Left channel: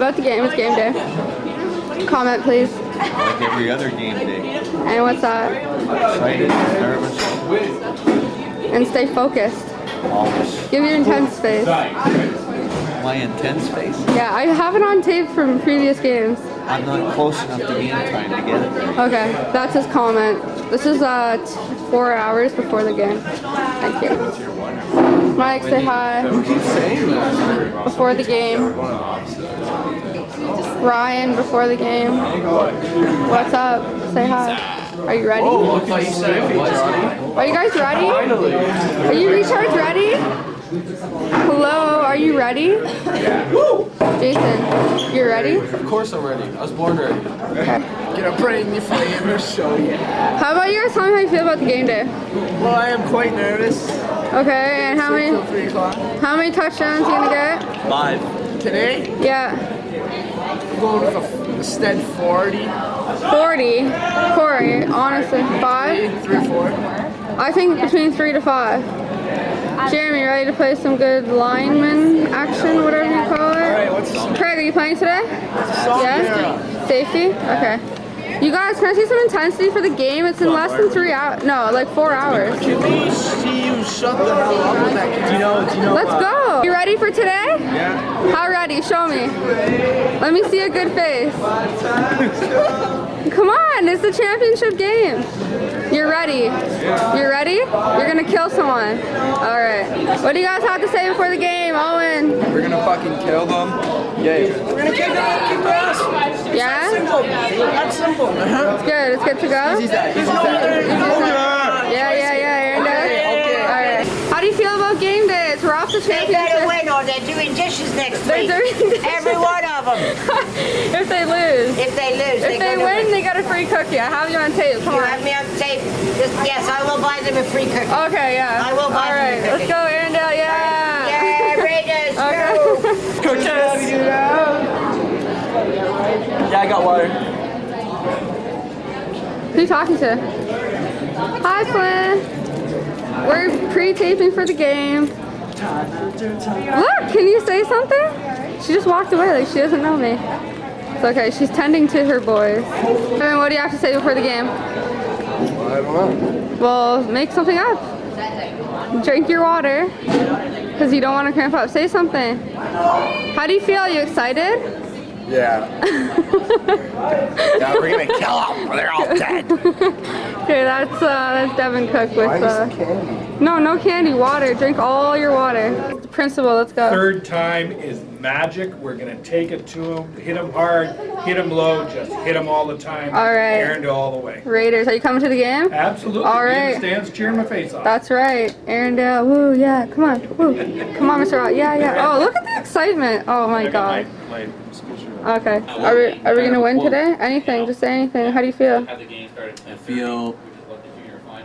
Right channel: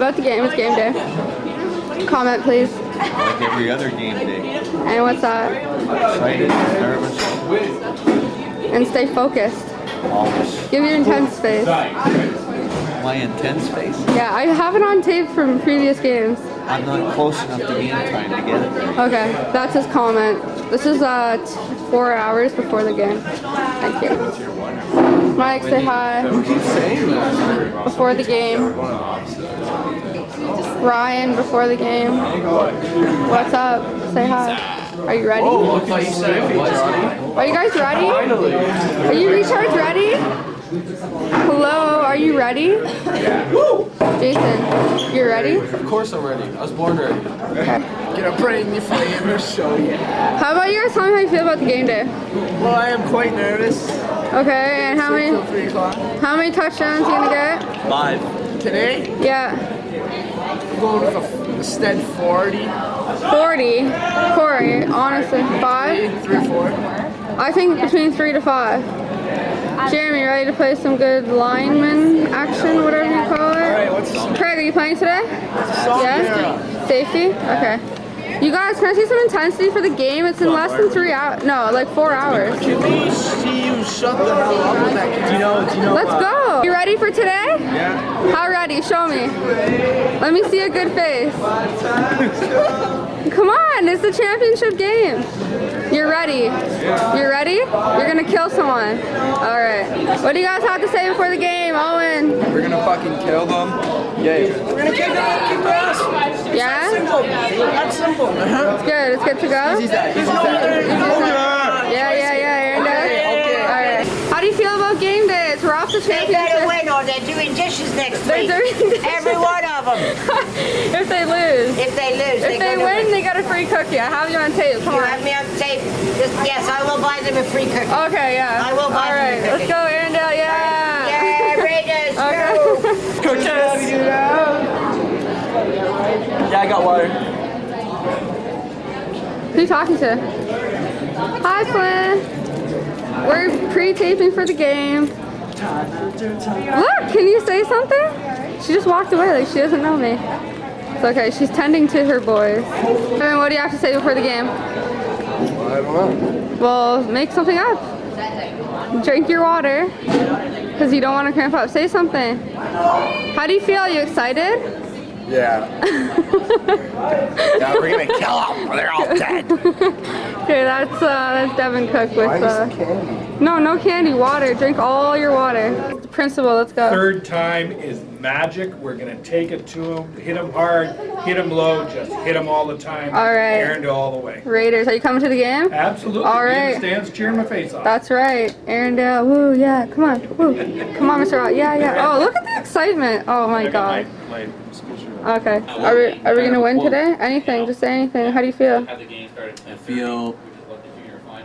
About the game, it's game day. Comment, please. Like every other game day. And what's that? Excited, nervous. And stay focused. Always. Give your intense face. My intense face? Yeah, I have it on tape from previous games. I'm not close enough to game time to get it there. Okay, that's his comment. This is 4 hours before the game. Thank you. Mike, say hi. Who keeps saying that? Before the game. Ryan, before the game. What's up? Say hi. Are you ready? Oh, look like Stiffy, Johnny. Are you guys ready? Finally. Are you retards ready? Hello, are you ready? Yeah. Jason, you're ready? Of course I'm ready. I was born ready. Okay. Gonna bring you flavor, so yeah. How about you guys tell me how you feel about the game day? Well, I am quite nervous. Okay, and how Till 3 o'clock. many touchdowns you gonna get? 5. Today, Yeah. I'm going with a stead 40. 40. Corey, honestly, 5? 3, 4. I think between 3 to 5. Jeremy, ready to play some good lineman action, whatever you call it? Alright, what's the song? Craig, are you playing today? Yeah? Safety? Okay. You guys, can I see some intensity for the game? It's in less than 3 hours. No, like 4 hours. Can we see you shut the hell up with that? Do you know? Let's go. You ready for today? Yeah. How ready? Show me. Let me see a good face. Come on, it's the championship game. You're ready? Yeah. You're ready? You're gonna kill someone. All right. What do you guys have to say before the game? Owen? We're gonna fucking kill them. Yeah. We're gonna kick their ass. Yeah? Simple. That's simple. It's good. It's good to go? Yeah, Erindale. Okay. All right. How do you feel about game days? We're off the They better championship. win or they're doing dishes next They're week. doing dishes. Every one of them. If they lose. If they lose, If they gotta win, they got a free cookie. I have you on tape. Come You on. have me on tape. Yes, I will buy them a free cookie. Okay, yeah. I will buy All them a right, let's cookie. go, Erindale. Yeah. Yeah, Raiders, Okay. go! Yeah, I got water. Who are you talking to? Hi, Flynn. We're pre-taping for the game. Look, can you say something? She just walked away like she doesn't know me. It's okay, she's tending to her boys. Evan, what do you have to say before the game? I don't know. Well, make something up. Drink your water, because you don't want to cramp up. Say something. How do you feel? Are you excited? Yeah. Yeah, we're gonna kill them. They're all dead. Okay, that's Devin Cook with candy? no candy, water. Drink all your water. Principal, let's go. Third time is magic. We're going to take it to him, hit him hard, hit him low, just hit him all the time. All right. Erindale all the way. Raiders, are you coming to the game? Absolutely. All Be in right. the stands cheering my face off. That's right. Erindale, woo, yeah, come on, woo. Come on, Mr. Rock, yeah. Oh, look at the excitement. Oh my God. My school shirt. Okay, are we gonna win today? Anything, just say anything. How do you feel? I feel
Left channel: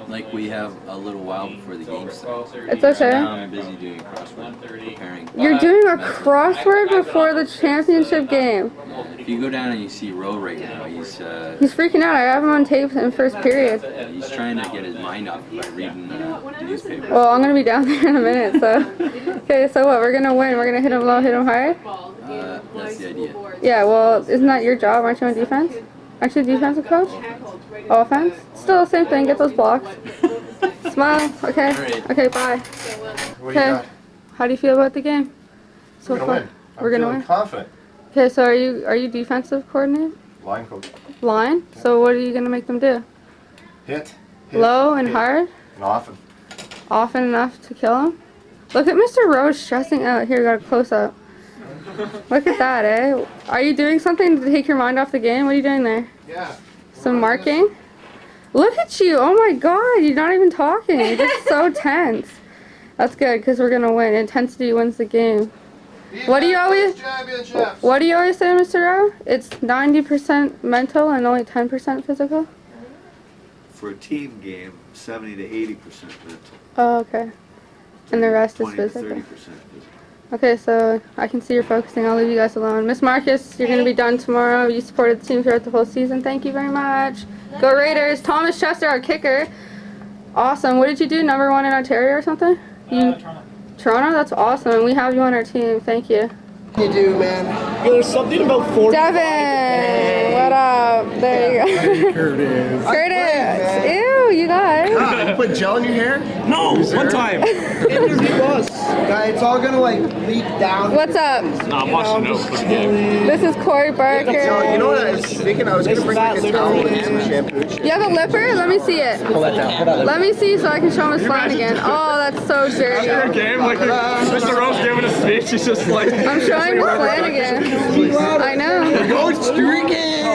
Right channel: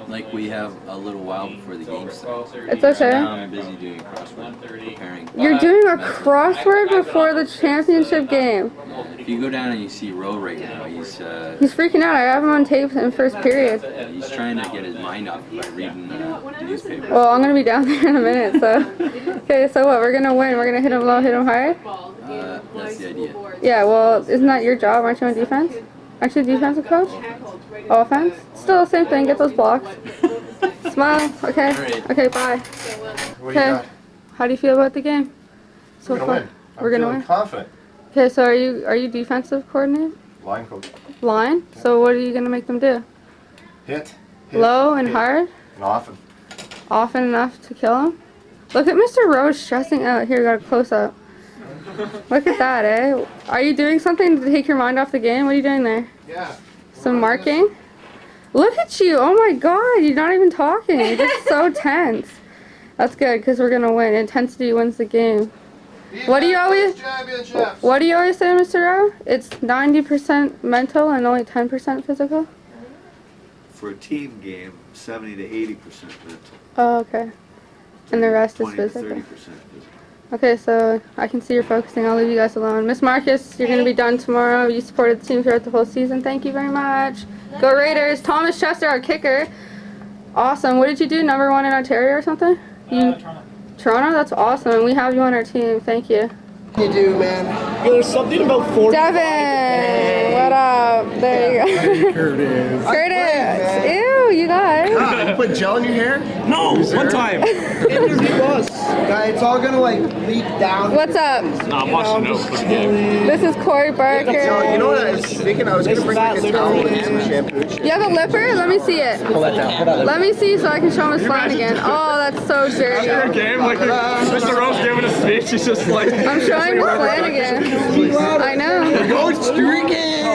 like we have a little while before the game starts. It's okay. Now I'm busy doing crossword, preparing. You're doing a crossword before the championship game. If you go down and you see Roe right now, He's freaking out. I have him on tape in first period. he's trying to get his mind off by reading the newspaper. Well, I'm gonna be down there in a minute, so. Okay, so what? We're gonna win. We're gonna hit him low, hit him hard? That's the idea. Yeah, well, isn't that your job? Aren't you on defense? Aren't you a defensive coach? Offense? Still the same thing. Get those blocks. Smile. Okay. Okay, bye. Okay. How do you feel about the game? So far? We're gonna win. Confident. Okay, so are you defensive coordinator? Line coach. Line? So what are you gonna make them do? Hit. Low and hard? And often. Often enough to kill him? Look at Mr. Rose stressing out. Here, got a close up. Look at that, eh? Are you doing something to take your mind off the game? What are you doing there? Yeah. Some marking? Look at you! Oh my God! You're not even talking. You're just so tense. That's good because we're gonna win. Intensity wins the game. What do you always? What do you always say, Mr. Rowe? It's 90% mental and only 10% physical. For a team game, 70 to 80% mental. Oh, okay. And the rest is 20 to physical. 30% physical. Okay, so I can see you're focusing. I'll leave you guys alone. Miss Marcus, you're going to be done tomorrow. You supported the team throughout the whole season. Thank you very much. Go Raiders. Thomas Chester, our kicker. Awesome. What did you do? Number 1 in Ontario or something? Toronto. Toronto? That's awesome. We have you on our team. Thank you. You do, man. There's something about 40. Devin, what up? There you go. Curtis. Curtis. Ew, you guys. God, you put gel in your hair? No, one time. Interview us. Guys, it's all gonna like leak down. What's up? I'm watching notes for the game. This is Corey Barker. You know what I was thinking? I was gonna bring like a towel and some shampoo and shit. You have a lipper? Let me see it. Pull that down. Pull that Let me see so I can show him his phone again. Oh, that's so dirty. After a game, like Mr. Rose giving a speech, he's just like. I'm showing the Flanagan. I know. Go streaking!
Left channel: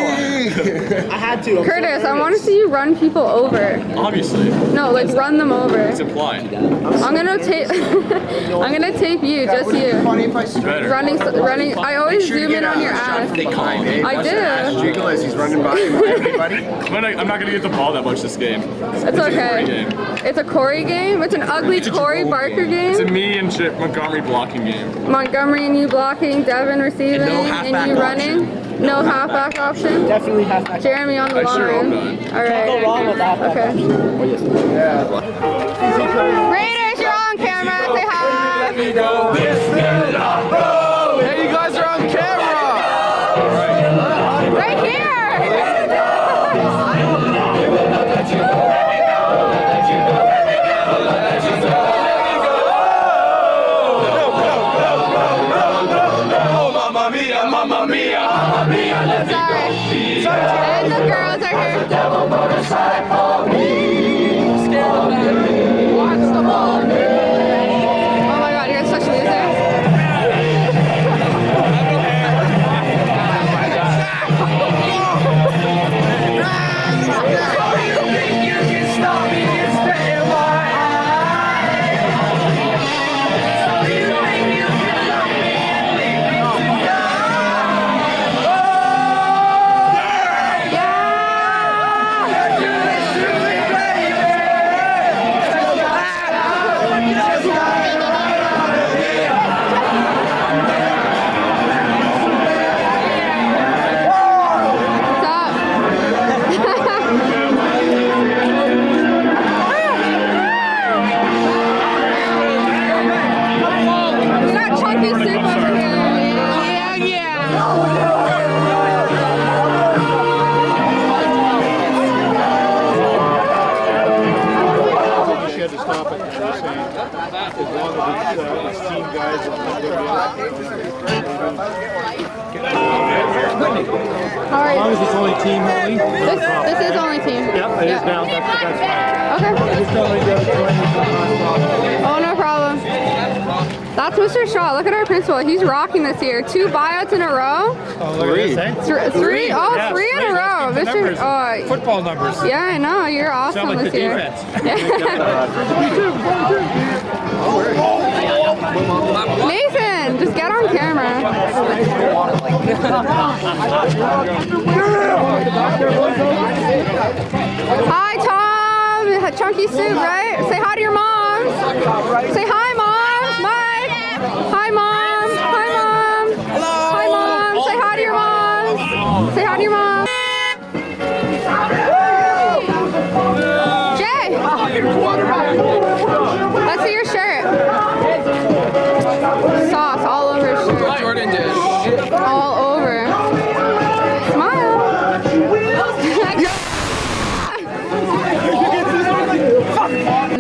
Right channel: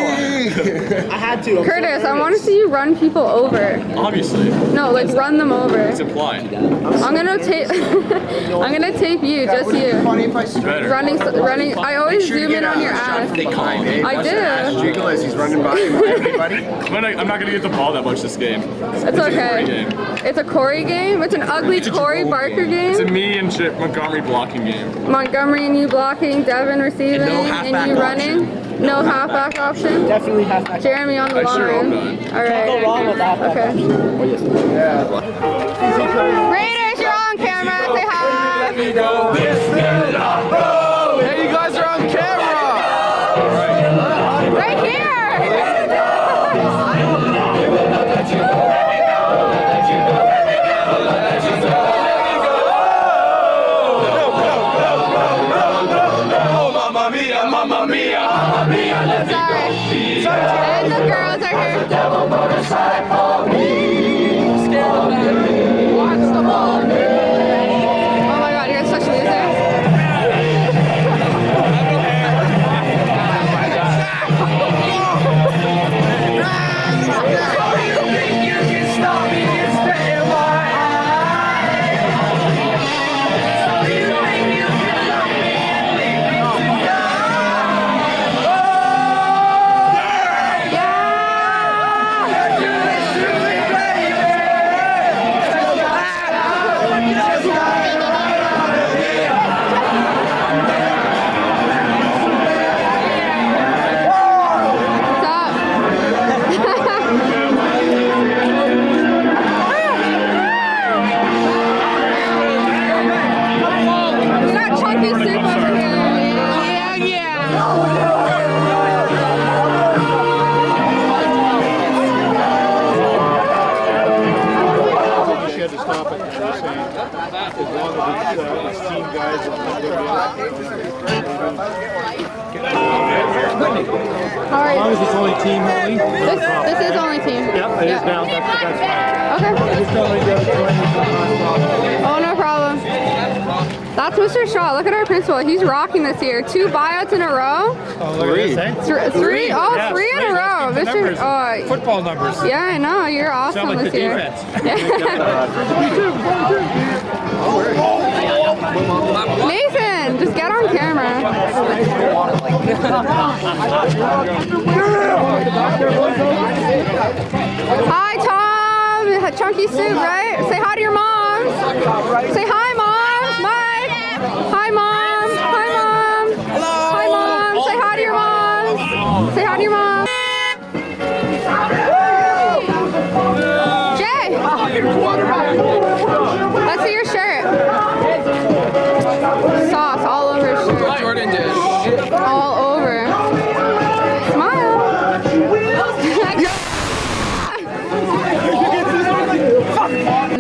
I had to. Curtis, I want to see you run people over. Obviously. No, like run them over. It's implied. I'm gonna tape. I'm gonna tape you, just you. Funny if I streak. Running. I always zoom in on your ass. They call me. I do. Streaking as he's running by everybody. I'm not gonna get the ball that much this game. It's okay. It's a Corey game. It's an ugly Corey Barker It's a game. me and Chip Montgomery blocking game. Montgomery and you blocking, Devin receiving, and you running. No halfback option. Definitely halfback. Jeremy on the I sure hope line. not. All right. Go wrong with that. Okay. Yeah. Raiders, you're on camera. Say hi. Hey, you guys are on camera! Right here. Mamma mia, mamma mia, let me Sorry. And the girls are here. devil motorcycle me. Scared of that. Watch the ball. Oh my God, you're such losers. You can stop me and stay in my What's up? We got chunky soup over here. Yeah. She had to stop it. She was saying, as long as these team guys How are you? it's only team only. This is only team. Yep, it is now. That's fine. Okay. Just tell me you have to join me. Oh, no problem. That's Mr. Shaw. Look at our principal. He's rocking this year. 2 buyouts in a row. Three? Oh, Yes, 3 in a three. row. That's good numbers. Mr. Oh, Football numbers. yeah, I know. You're awesome Sound like this the year. defense. Nathan, just get on camera. Hi, Tom. Chunky soup, right? Say hi to your moms. Say hi, moms. Mike. Hi, mom. Hi, mom. Hi, mom. Say hi to your moms. Say hi to your mom. Jay. Let's see your shirt. Sauce all over his shirt. Jordan did. All over. Smile.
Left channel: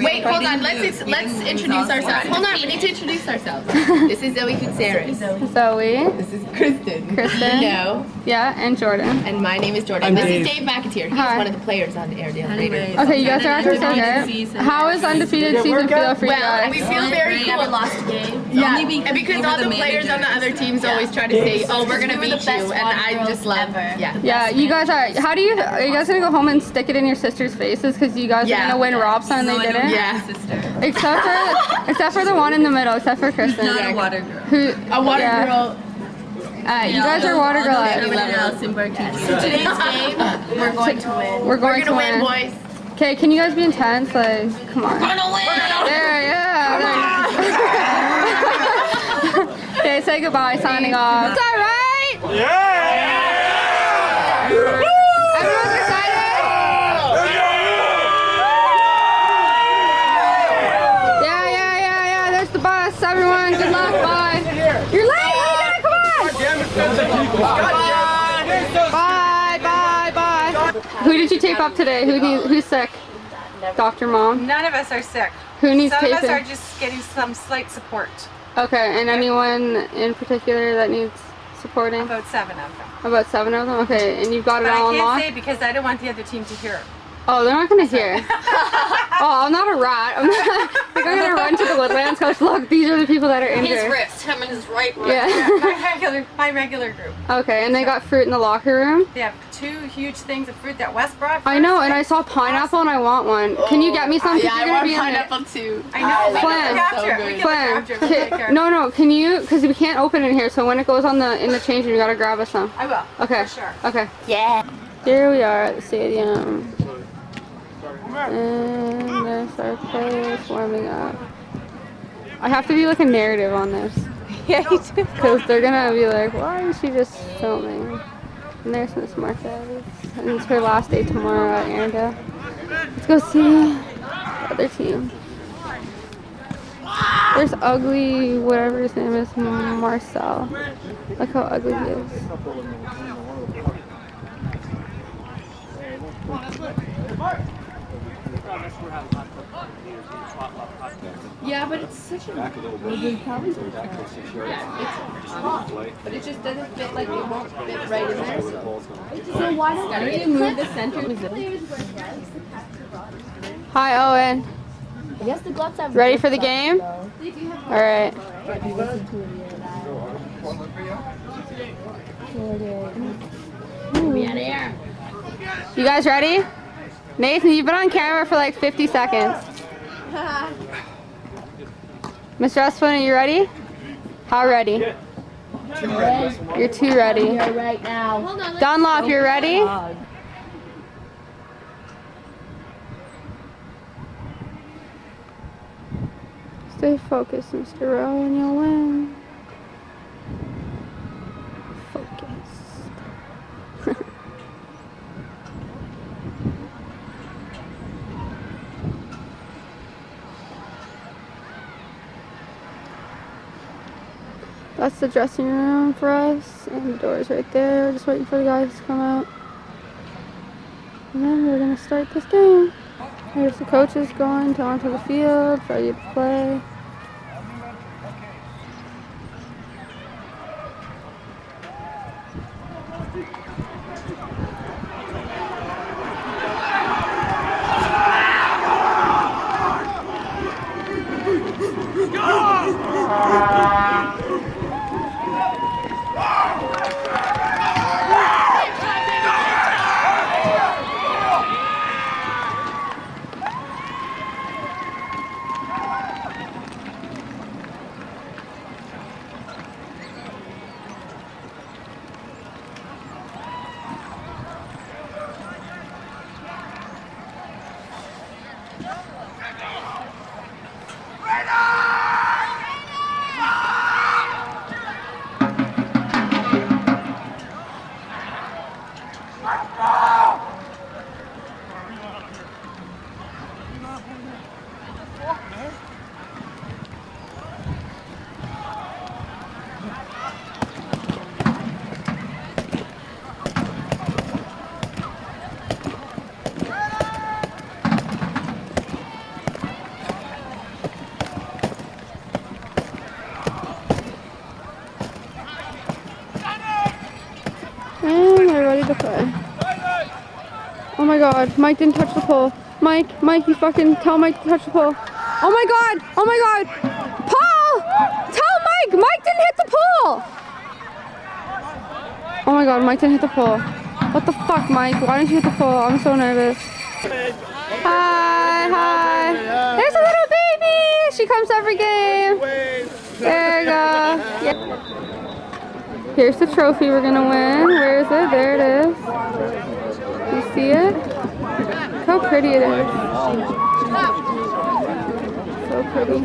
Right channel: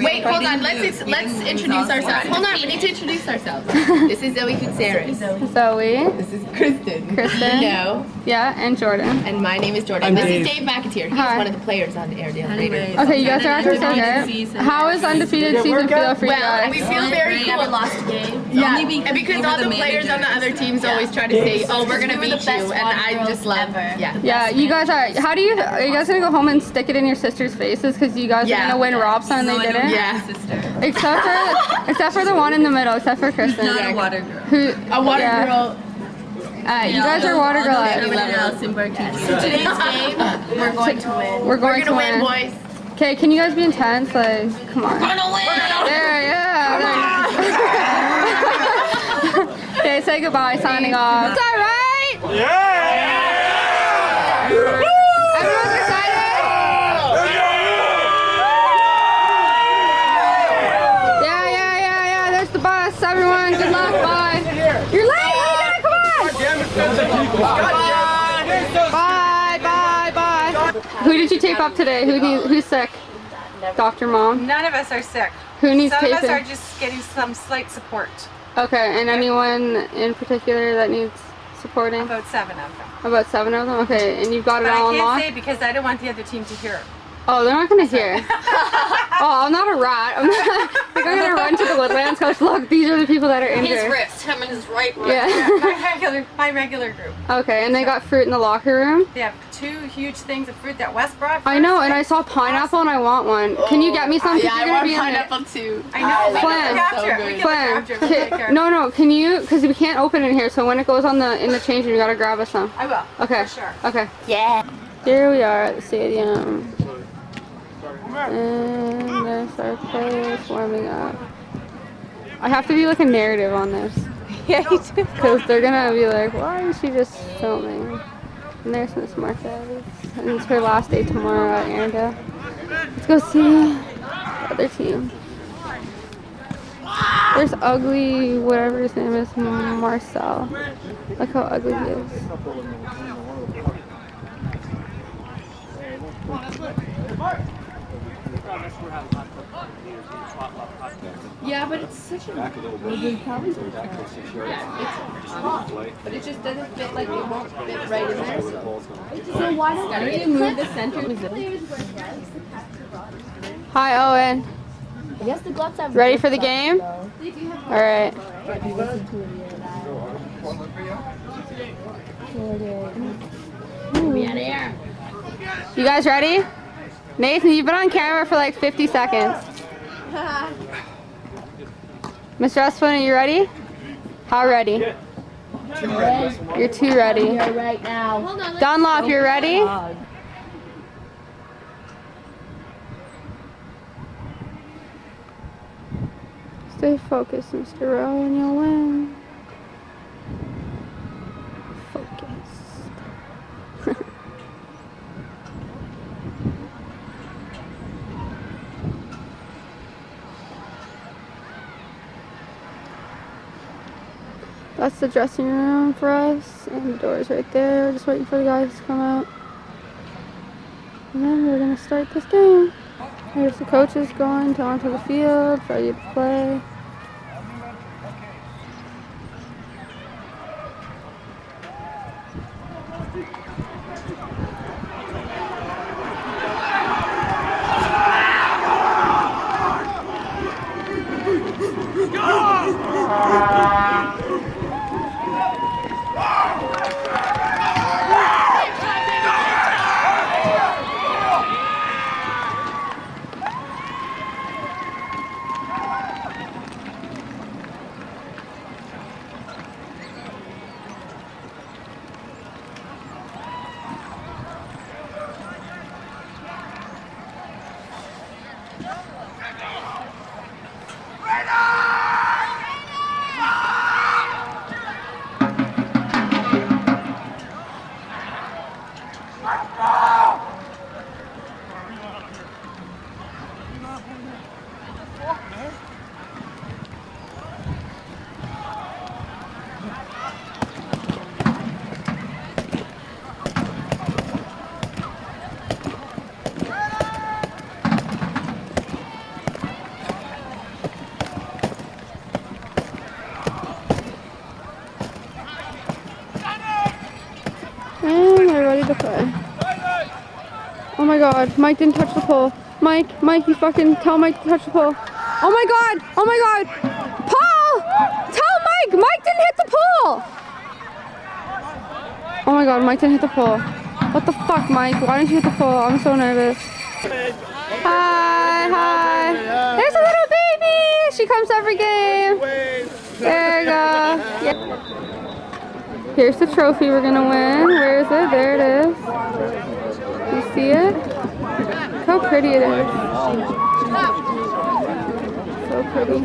Wait, hold on. Let's introduce ourselves. Hold on, we need to introduce ourselves. This is Zoe Gutierrez. Zoe. This is Kristen. Kristen. No. Yeah, and Jordan. And my name is Jordan. This is Dave McAteer. He's Hi. one of the players on the Erindale Raiders. Okay, you guys are actors so good. How is undefeated season feel for you Well, guys? we feel very cool. Never lost a game. Yeah, Only and because all the players on the other teams always try to say, "Oh, we're gonna beat you," and I just love. Yeah. Yeah, you guys are. Are you guys gonna go home and stick it in your sister's faces because you guys are Yeah. gonna win Robson and they didn't? Yeah. Except for the one in the middle, except for Kristen. Not a water girl. Who? A water yeah. girl. You guys are water girl. Everyone else in Berkeley. So today's game, we're going to win. We're going to win, boys. Okay, can you guys be intense? Like, come on. We're gonna win. There, yeah. Okay, say goodbye. Signing off. It's all right. Everyone's excited. Yeah. There's the bus. Everyone, good luck. Bye. You're late. Come on. Who did you tape up today? Who's sick? Dr. Mom? None of us are sick. Who needs Some taping? of us are just getting some slight support. Okay, and anyone in particular that needs supporting? About 7 of them. About 7 of them? Okay, and you've got it But all I can't unlocked? say because I don't want the other team to hear. Oh, they're not gonna hear. Oh, I'm not a rat. I'm not. Like, I'm gonna run to the Woodlands coach. Look, these are the people that are injured. His wrist, him and his right wrist. Yeah. My regular group. Okay, and they got fruit in the locker room? They have 2 huge things of fruit that Wes brought. I know, and I saw pineapple and I want one. Can you get me some? 'Cause Yeah, you're I gonna want be in it. pineapple too. I know. We Flynn. can look after it. We can look after it. We'll take care of it. No, can you? Because we can't open it here. So when it goes in the change room, you gotta grab us some. I will. Okay. For sure. Okay. Yeah. Here we are at the stadium. And there's our players warming up. I have to do like a narrative on this. Yeah, you do. Because they're gonna be like, why is she just filming? And there's Miss Martha. And it's her last day tomorrow at Erindale. Let's go see the other team. There's ugly, whatever his name is, Marcel. Look how ugly he is. Yeah, but it's such a Back a little bit. Back to 6 yards. but it just doesn't fit, like it won't fit right in there. So why don't you move the center? Hi, Owen. I guess the gloves have. Ready for the game? All right. We out of here. You guys ready? Nathan, you've been on camera for like 50 seconds. Mr. Espin, are you ready? How ready? You're too ready. Here right now. Dunlop, you're ready? Stay focused, Mr. Rowe, and you'll win. Focused. That's the dressing room for us, and the door's right there. We're just waiting for the guys to come out. And then we're gonna start this game. Here's the coaches going onto the field, ready to play. And we're ready to play. Oh my god, Mike didn't touch the pole. Mike, you fucking tell Mike to touch the pole. Oh my god! Paul! Tell Mike! Mike didn't hit the pole! Oh my god, Mike didn't hit the pole. What the fuck, Mike? Why didn't you hit the pole? I'm so nervous. Hi. There's a little baby! She comes every game. There you go. Yeah. Here's the trophy we're gonna win. Where is it? There it is. You see it? Look how pretty it is. So pretty.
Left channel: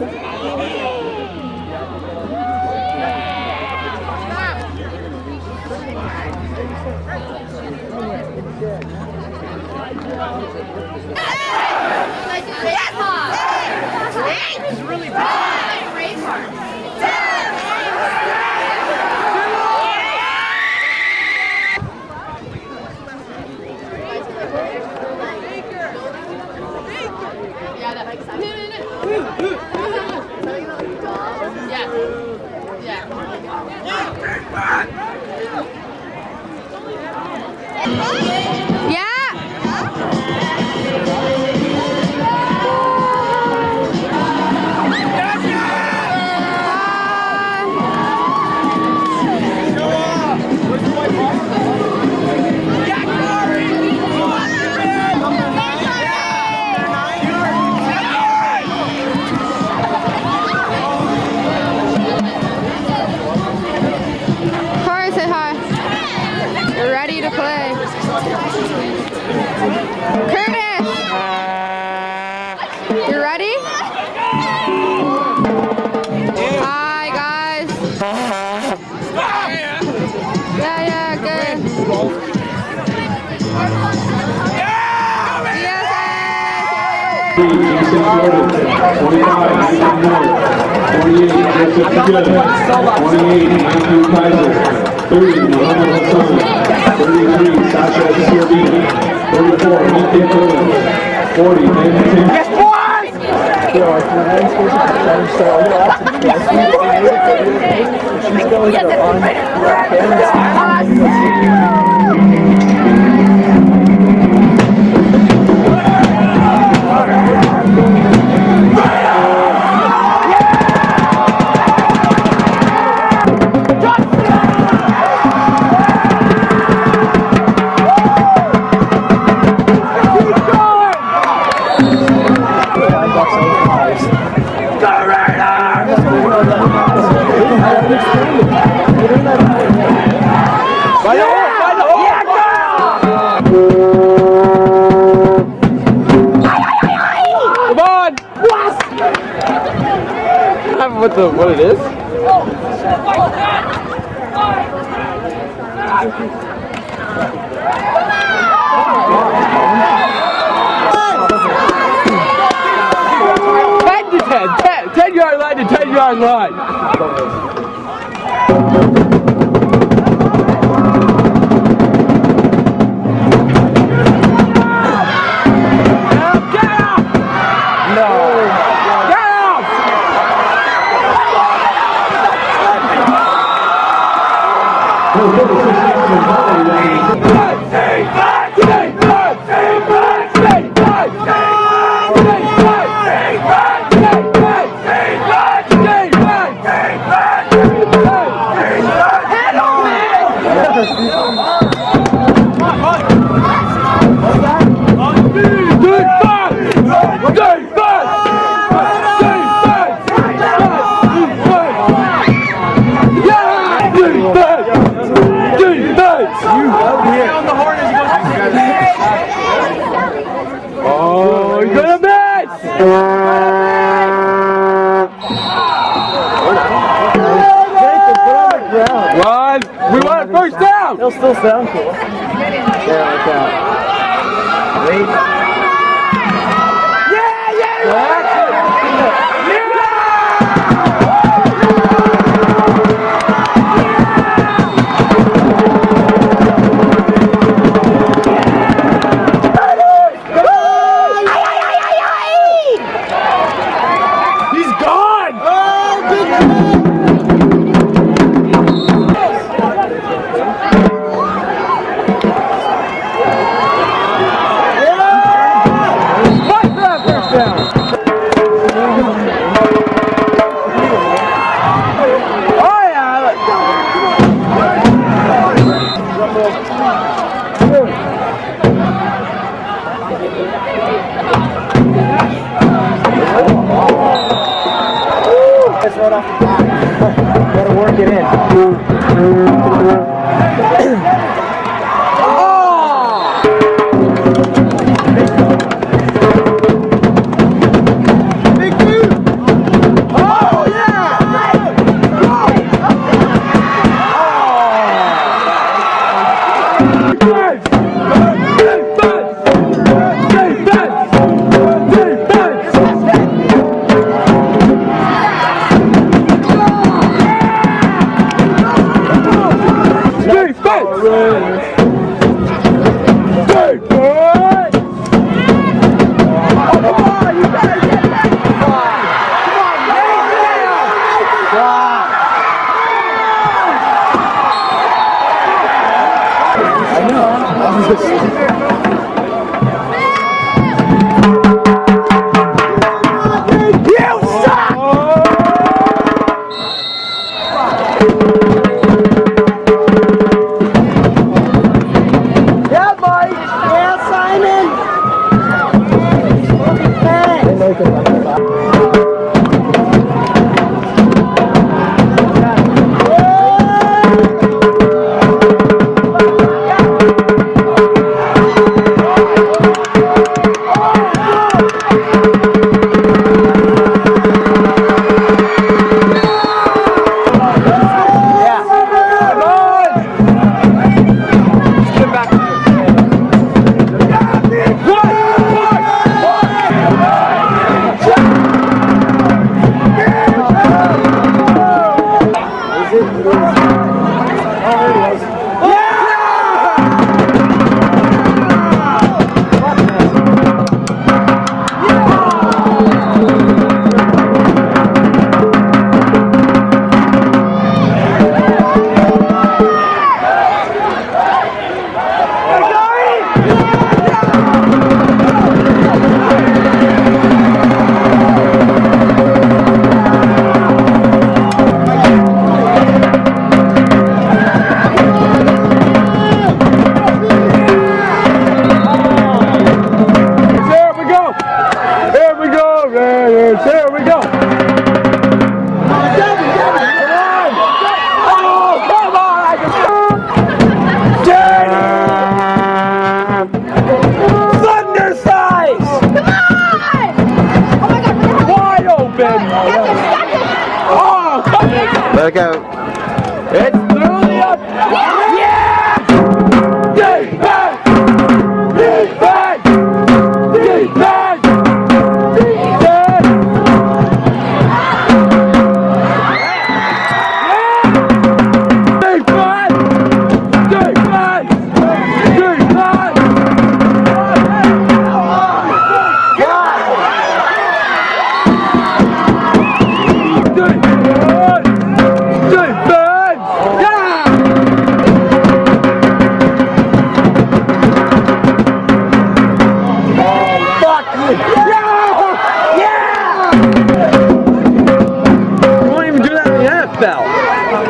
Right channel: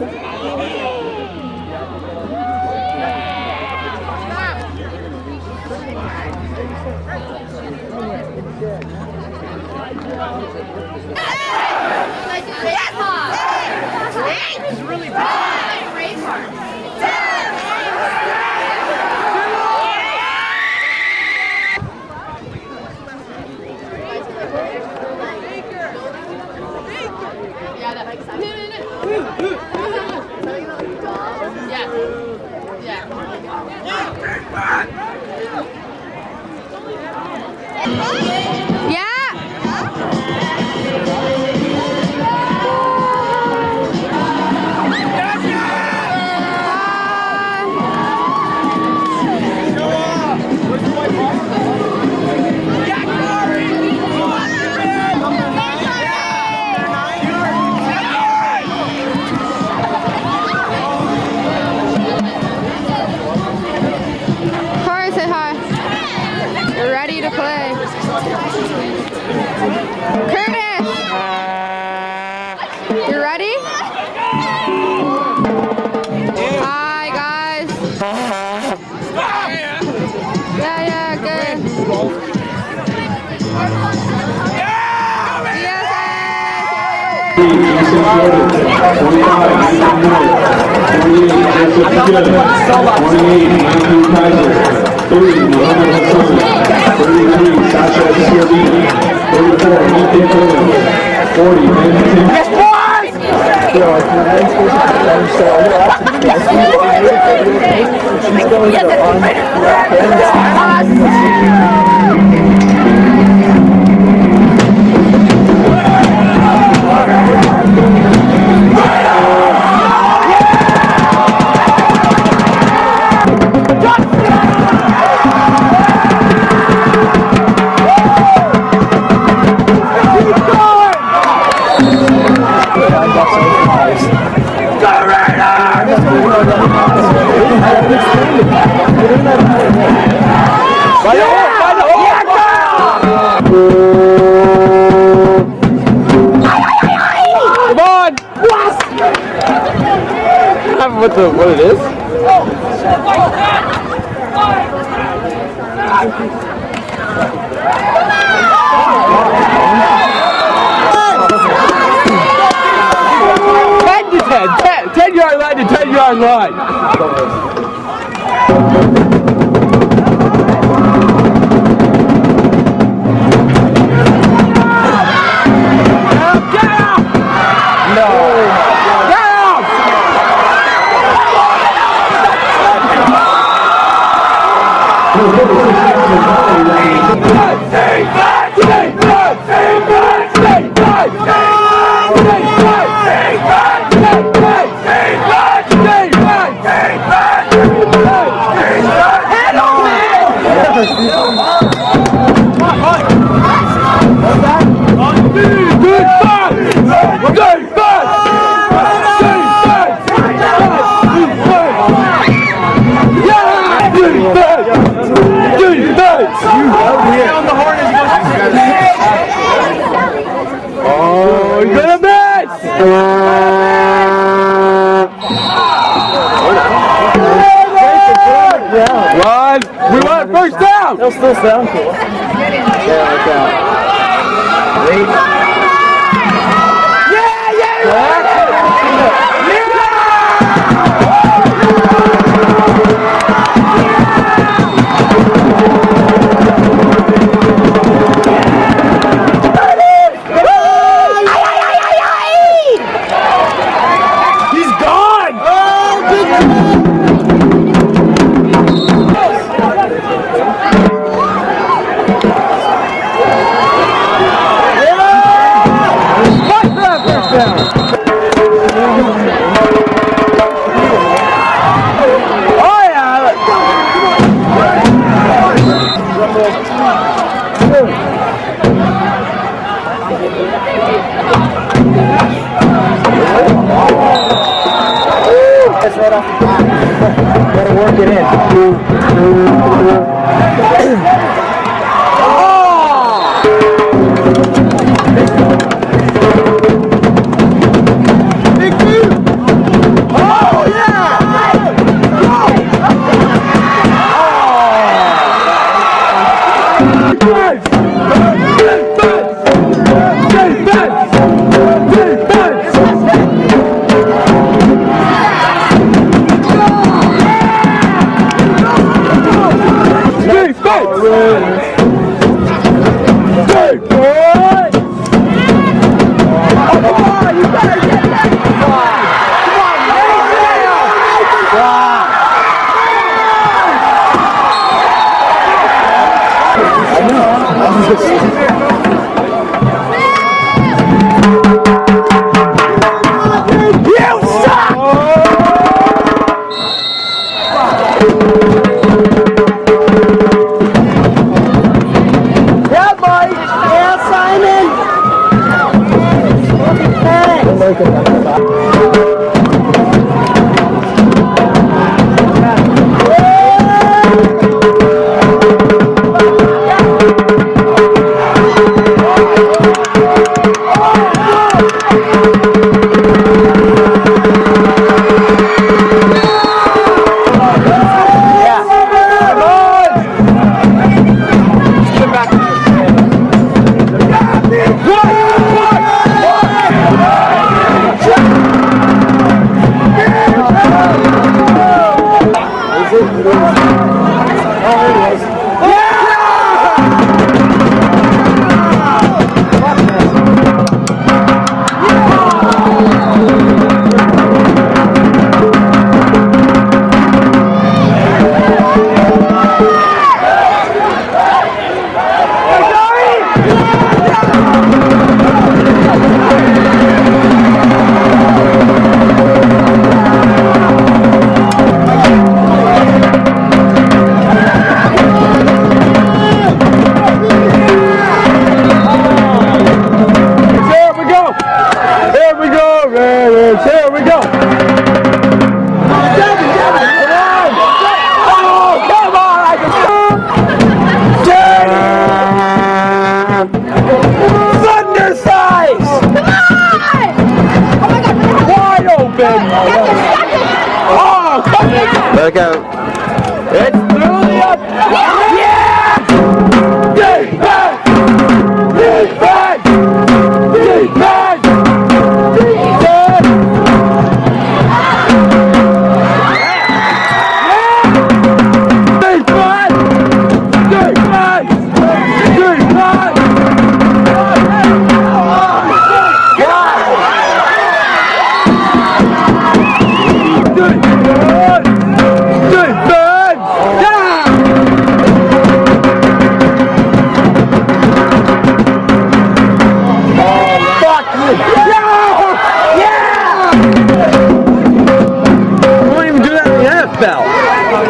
It's really bad. Race hard. What it is? Ten yard line to 10 yard line. Oh, he's gonna miss! Run! We want a first down! It'll still sound cool. Yeah, like that. Wait. Right off the bat. Gotta work it in. Big dude! Oh, yeah! There we go. It's through the up. Yeah! Defense! Defense! Defense! Defense!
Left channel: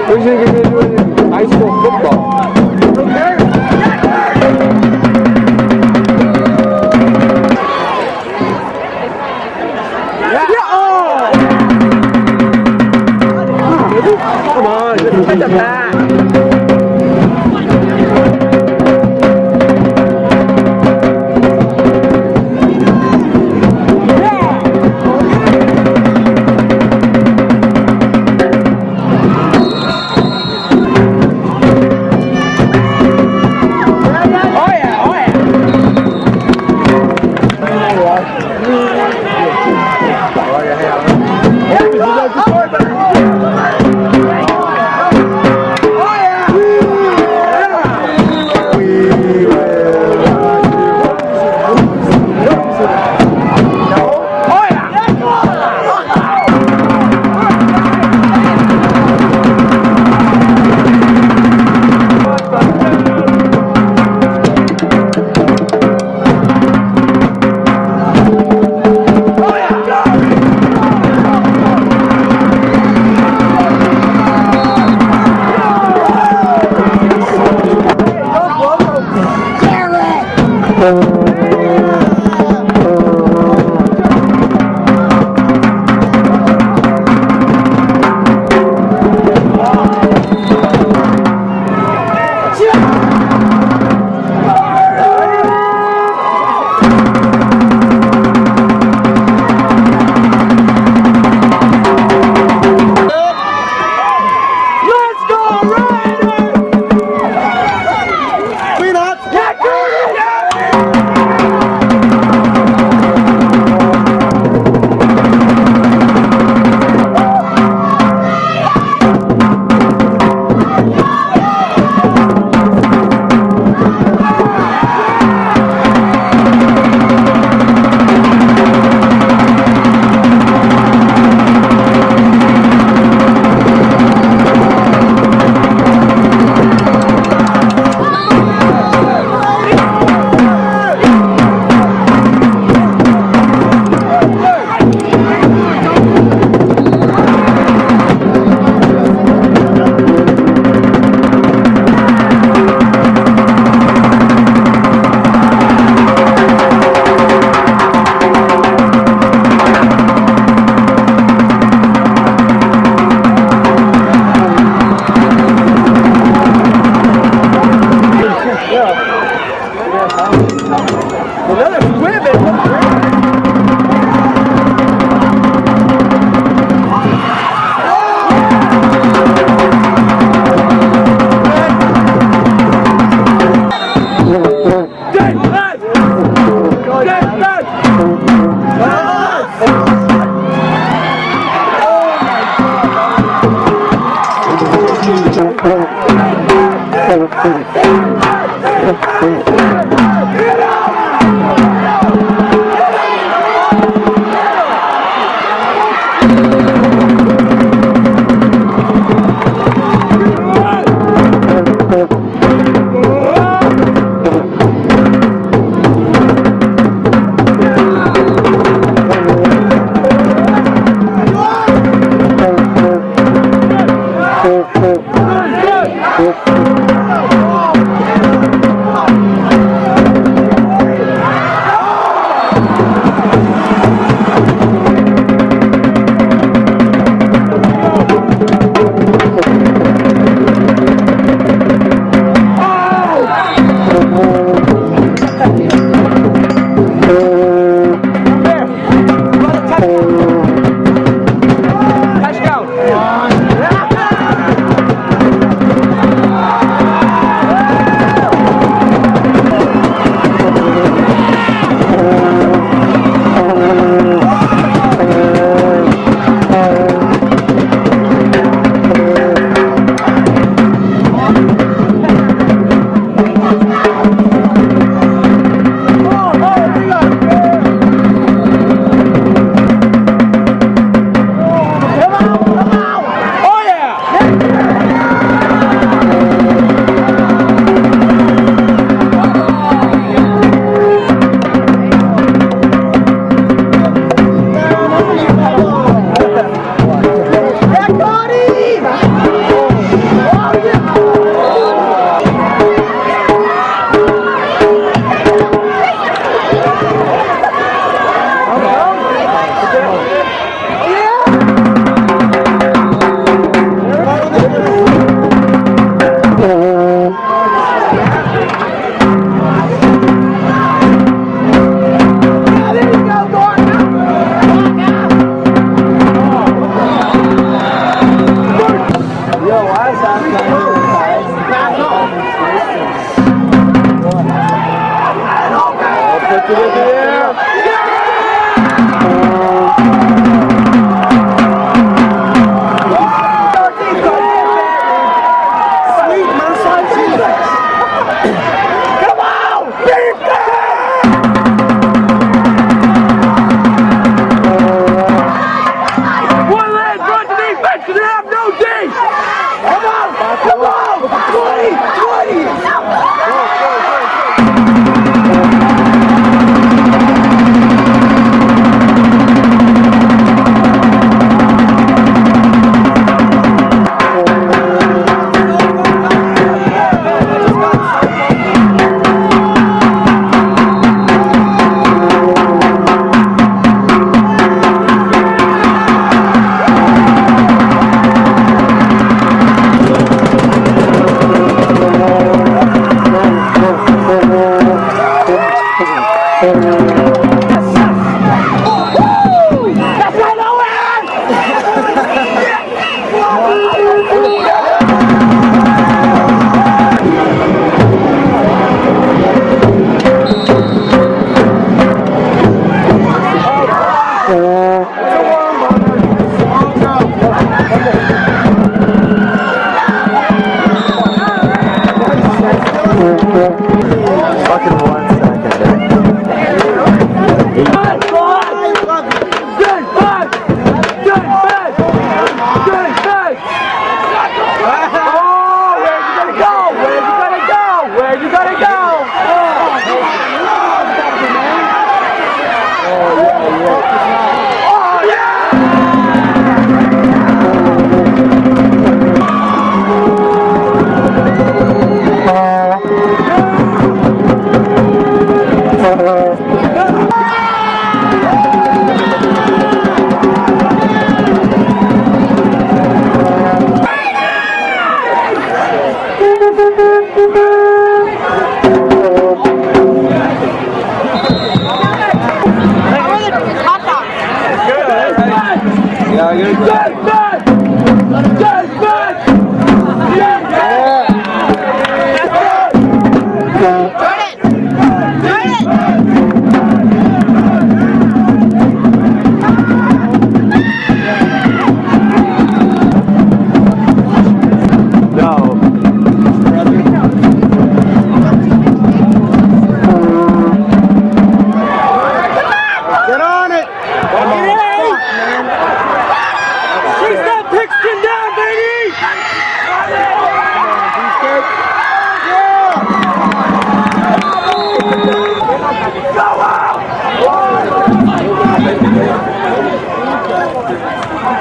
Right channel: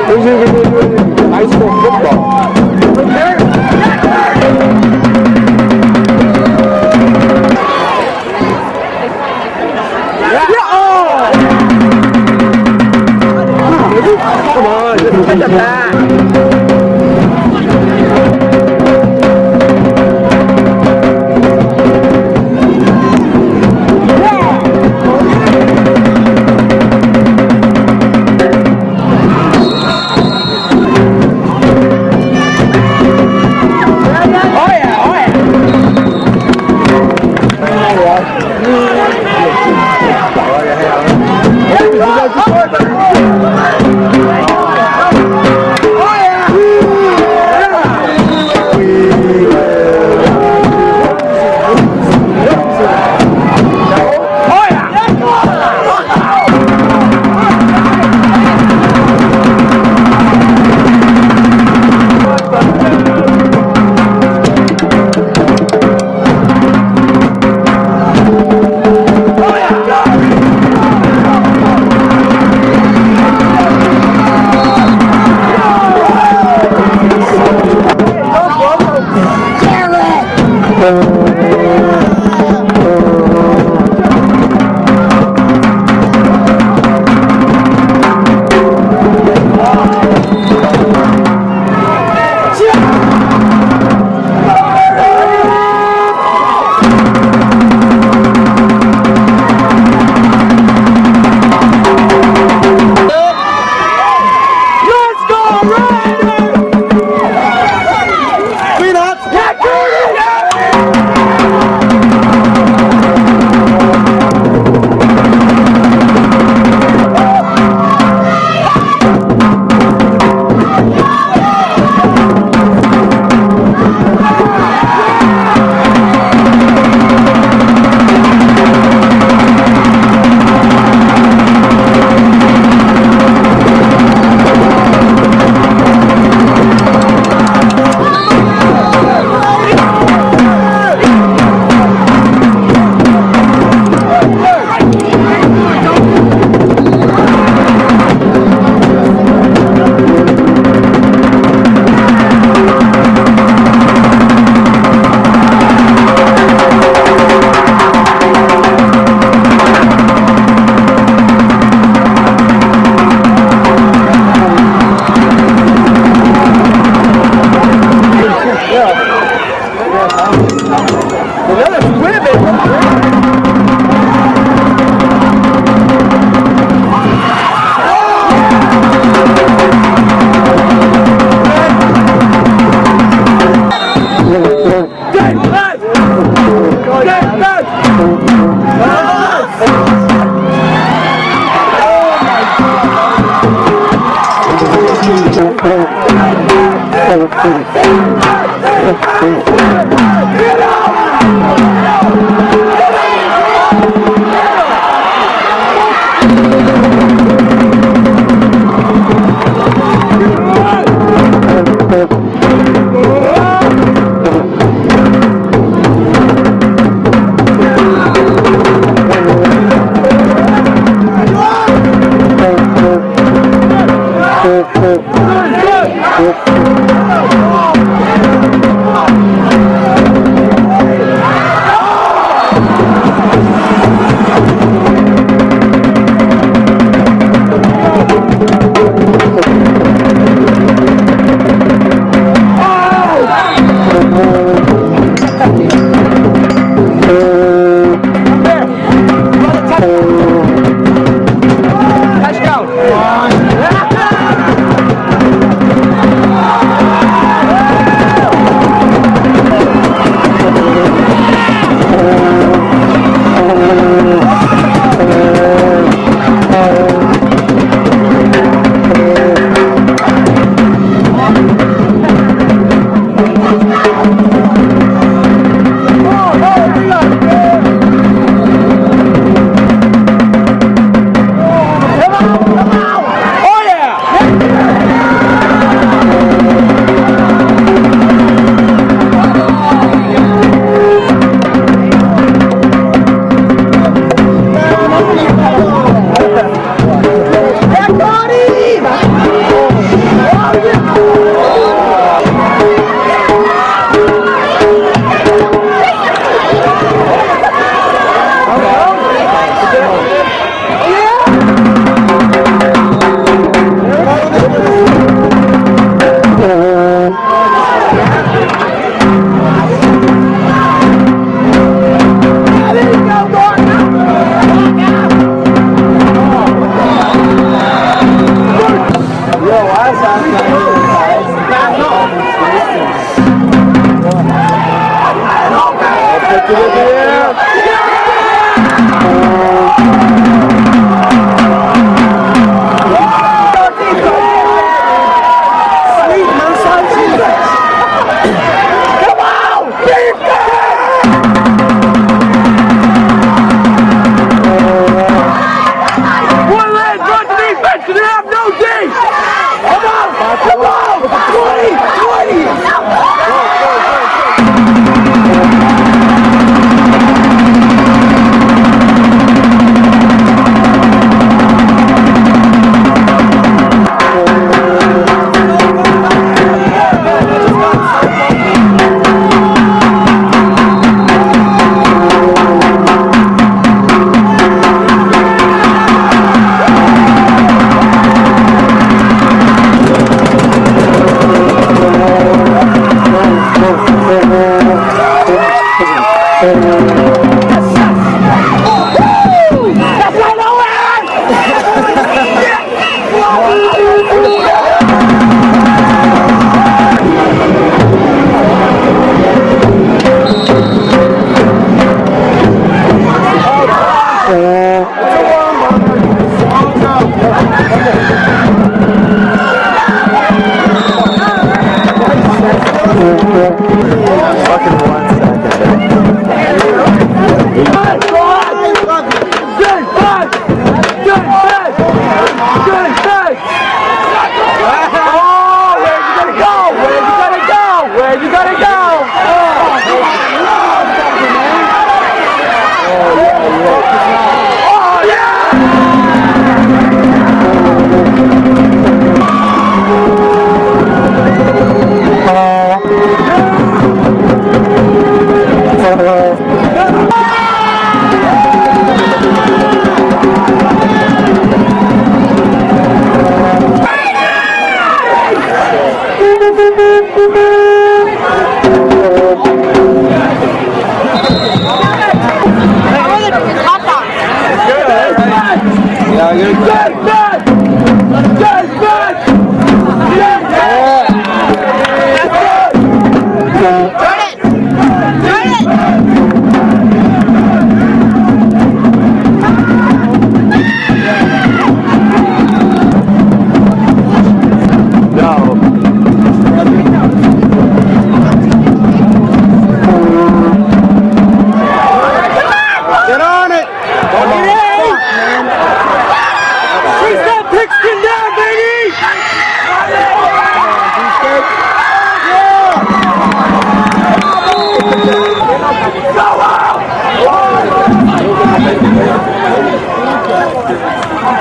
We're going to do it in high school football. Come on, get the back.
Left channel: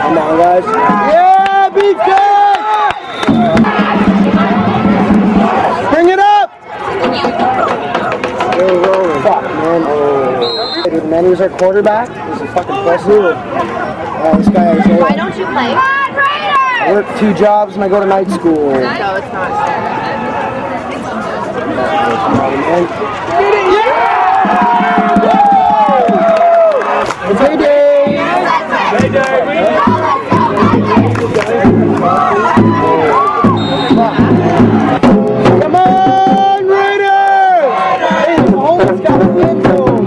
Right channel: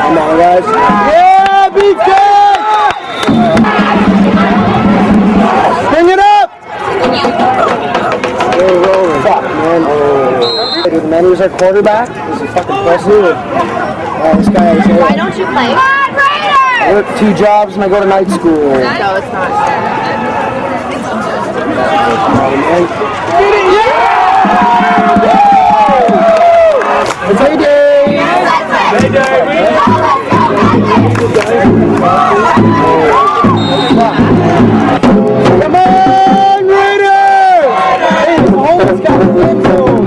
Come on, guys. Yeah, beefcake! Bring it up! Fuck, man. Dude, man, he was our quarterback. He's a fucking pussy. This guy has Why don't you play? I work 2 jobs and I go to night school. No, it's not. It's heyday! Heyday! Come on, Raiders! Hey, the homeless got the end zone.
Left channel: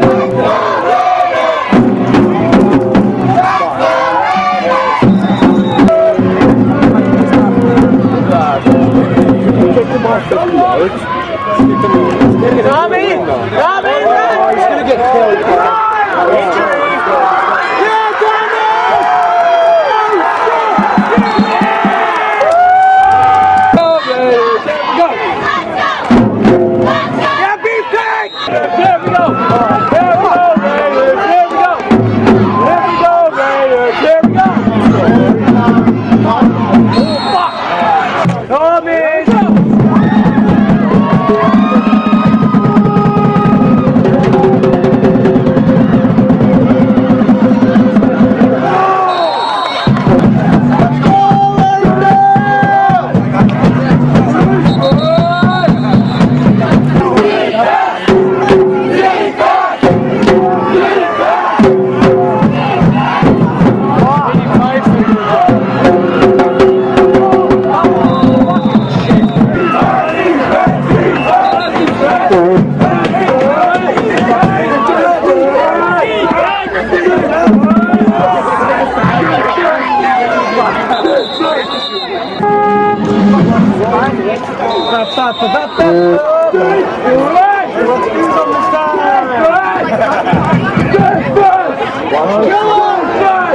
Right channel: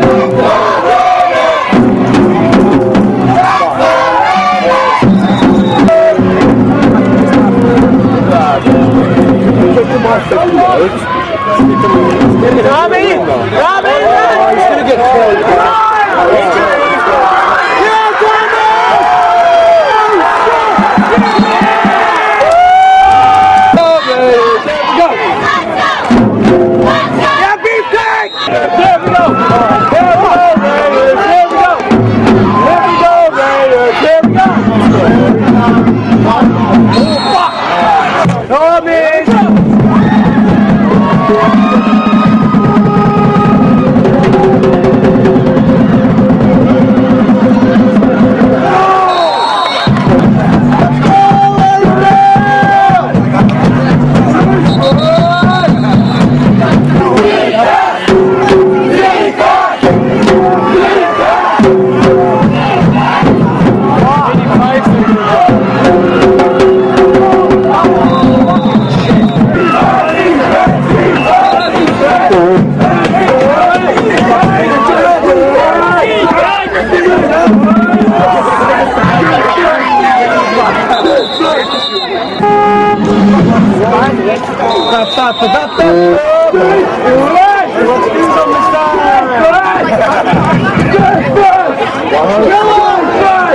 Kick the ball 50 yards. Tommy! Tommy! Oh, he's gonna get killed.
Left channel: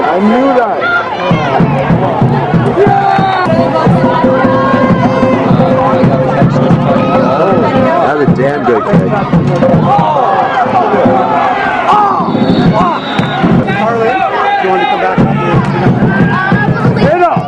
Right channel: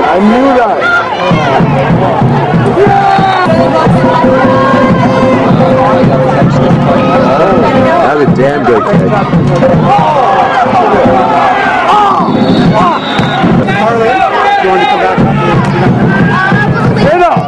I knew that. That was a damn good kick. Harley, do you want to come back up here? Hit up!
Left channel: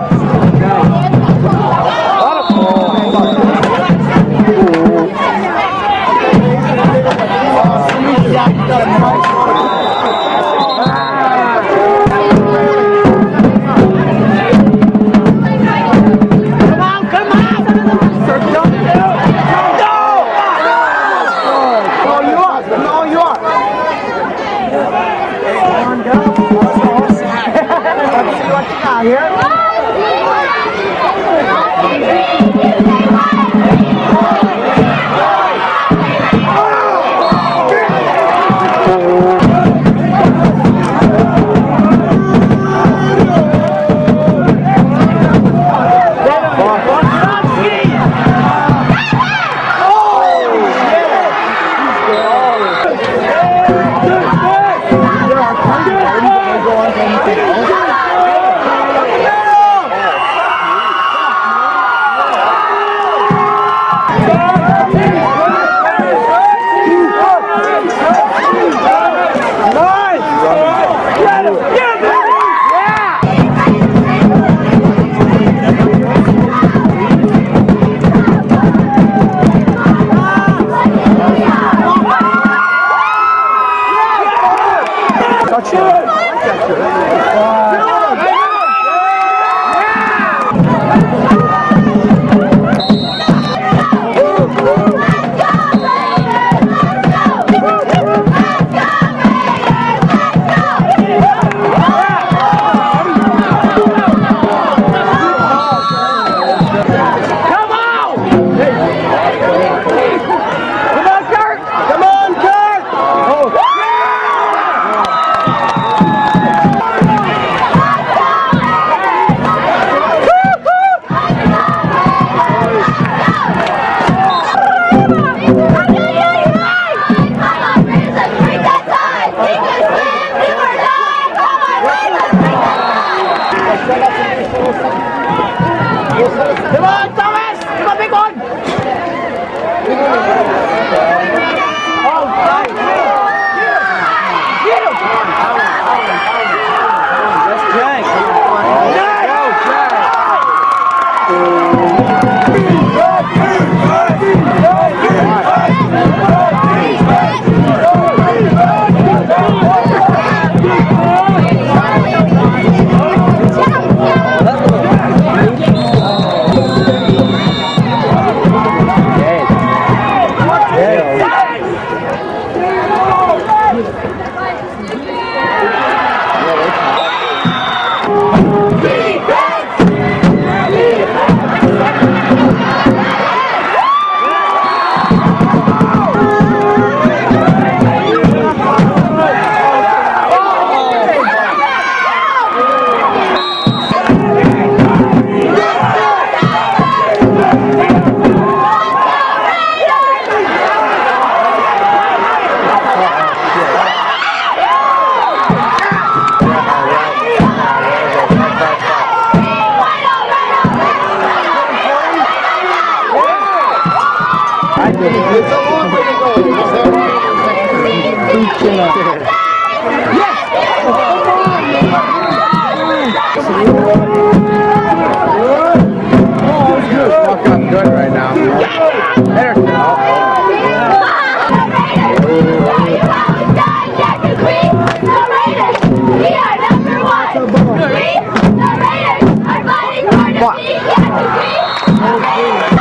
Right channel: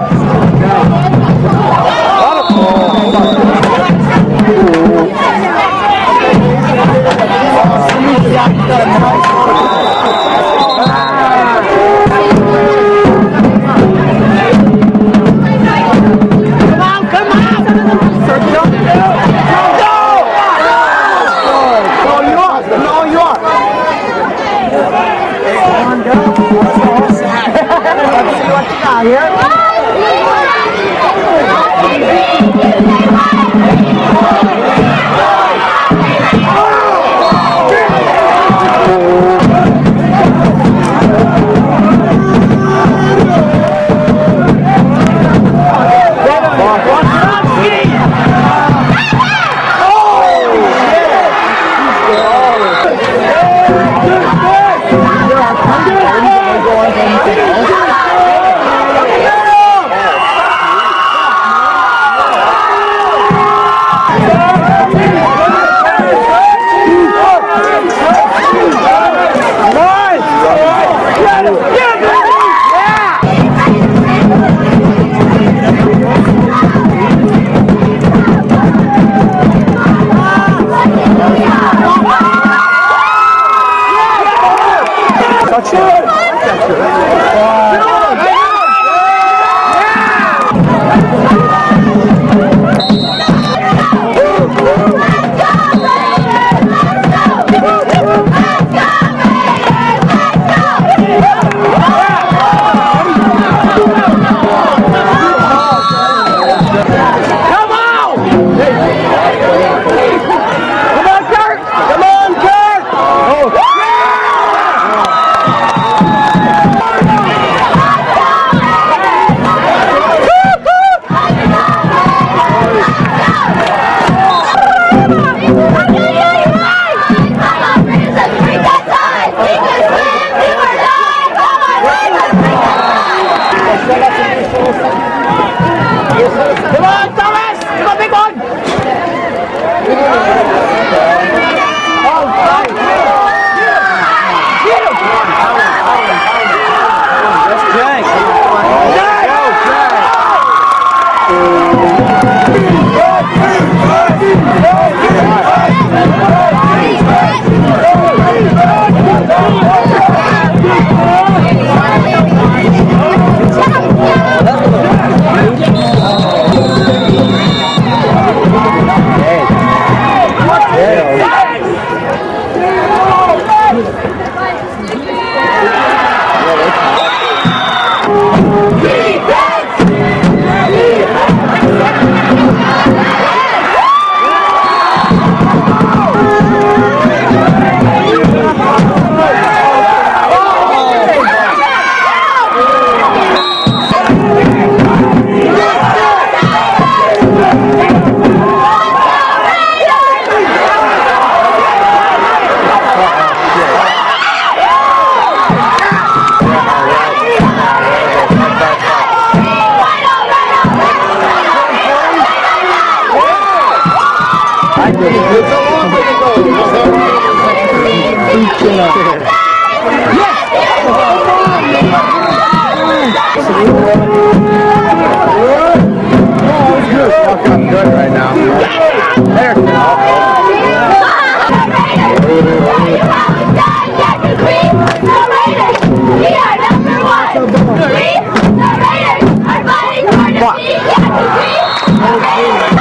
Fucking good right now. Better. We are number one. We, the Raiders, are fighting for defeat. Yes, we, the Raiders.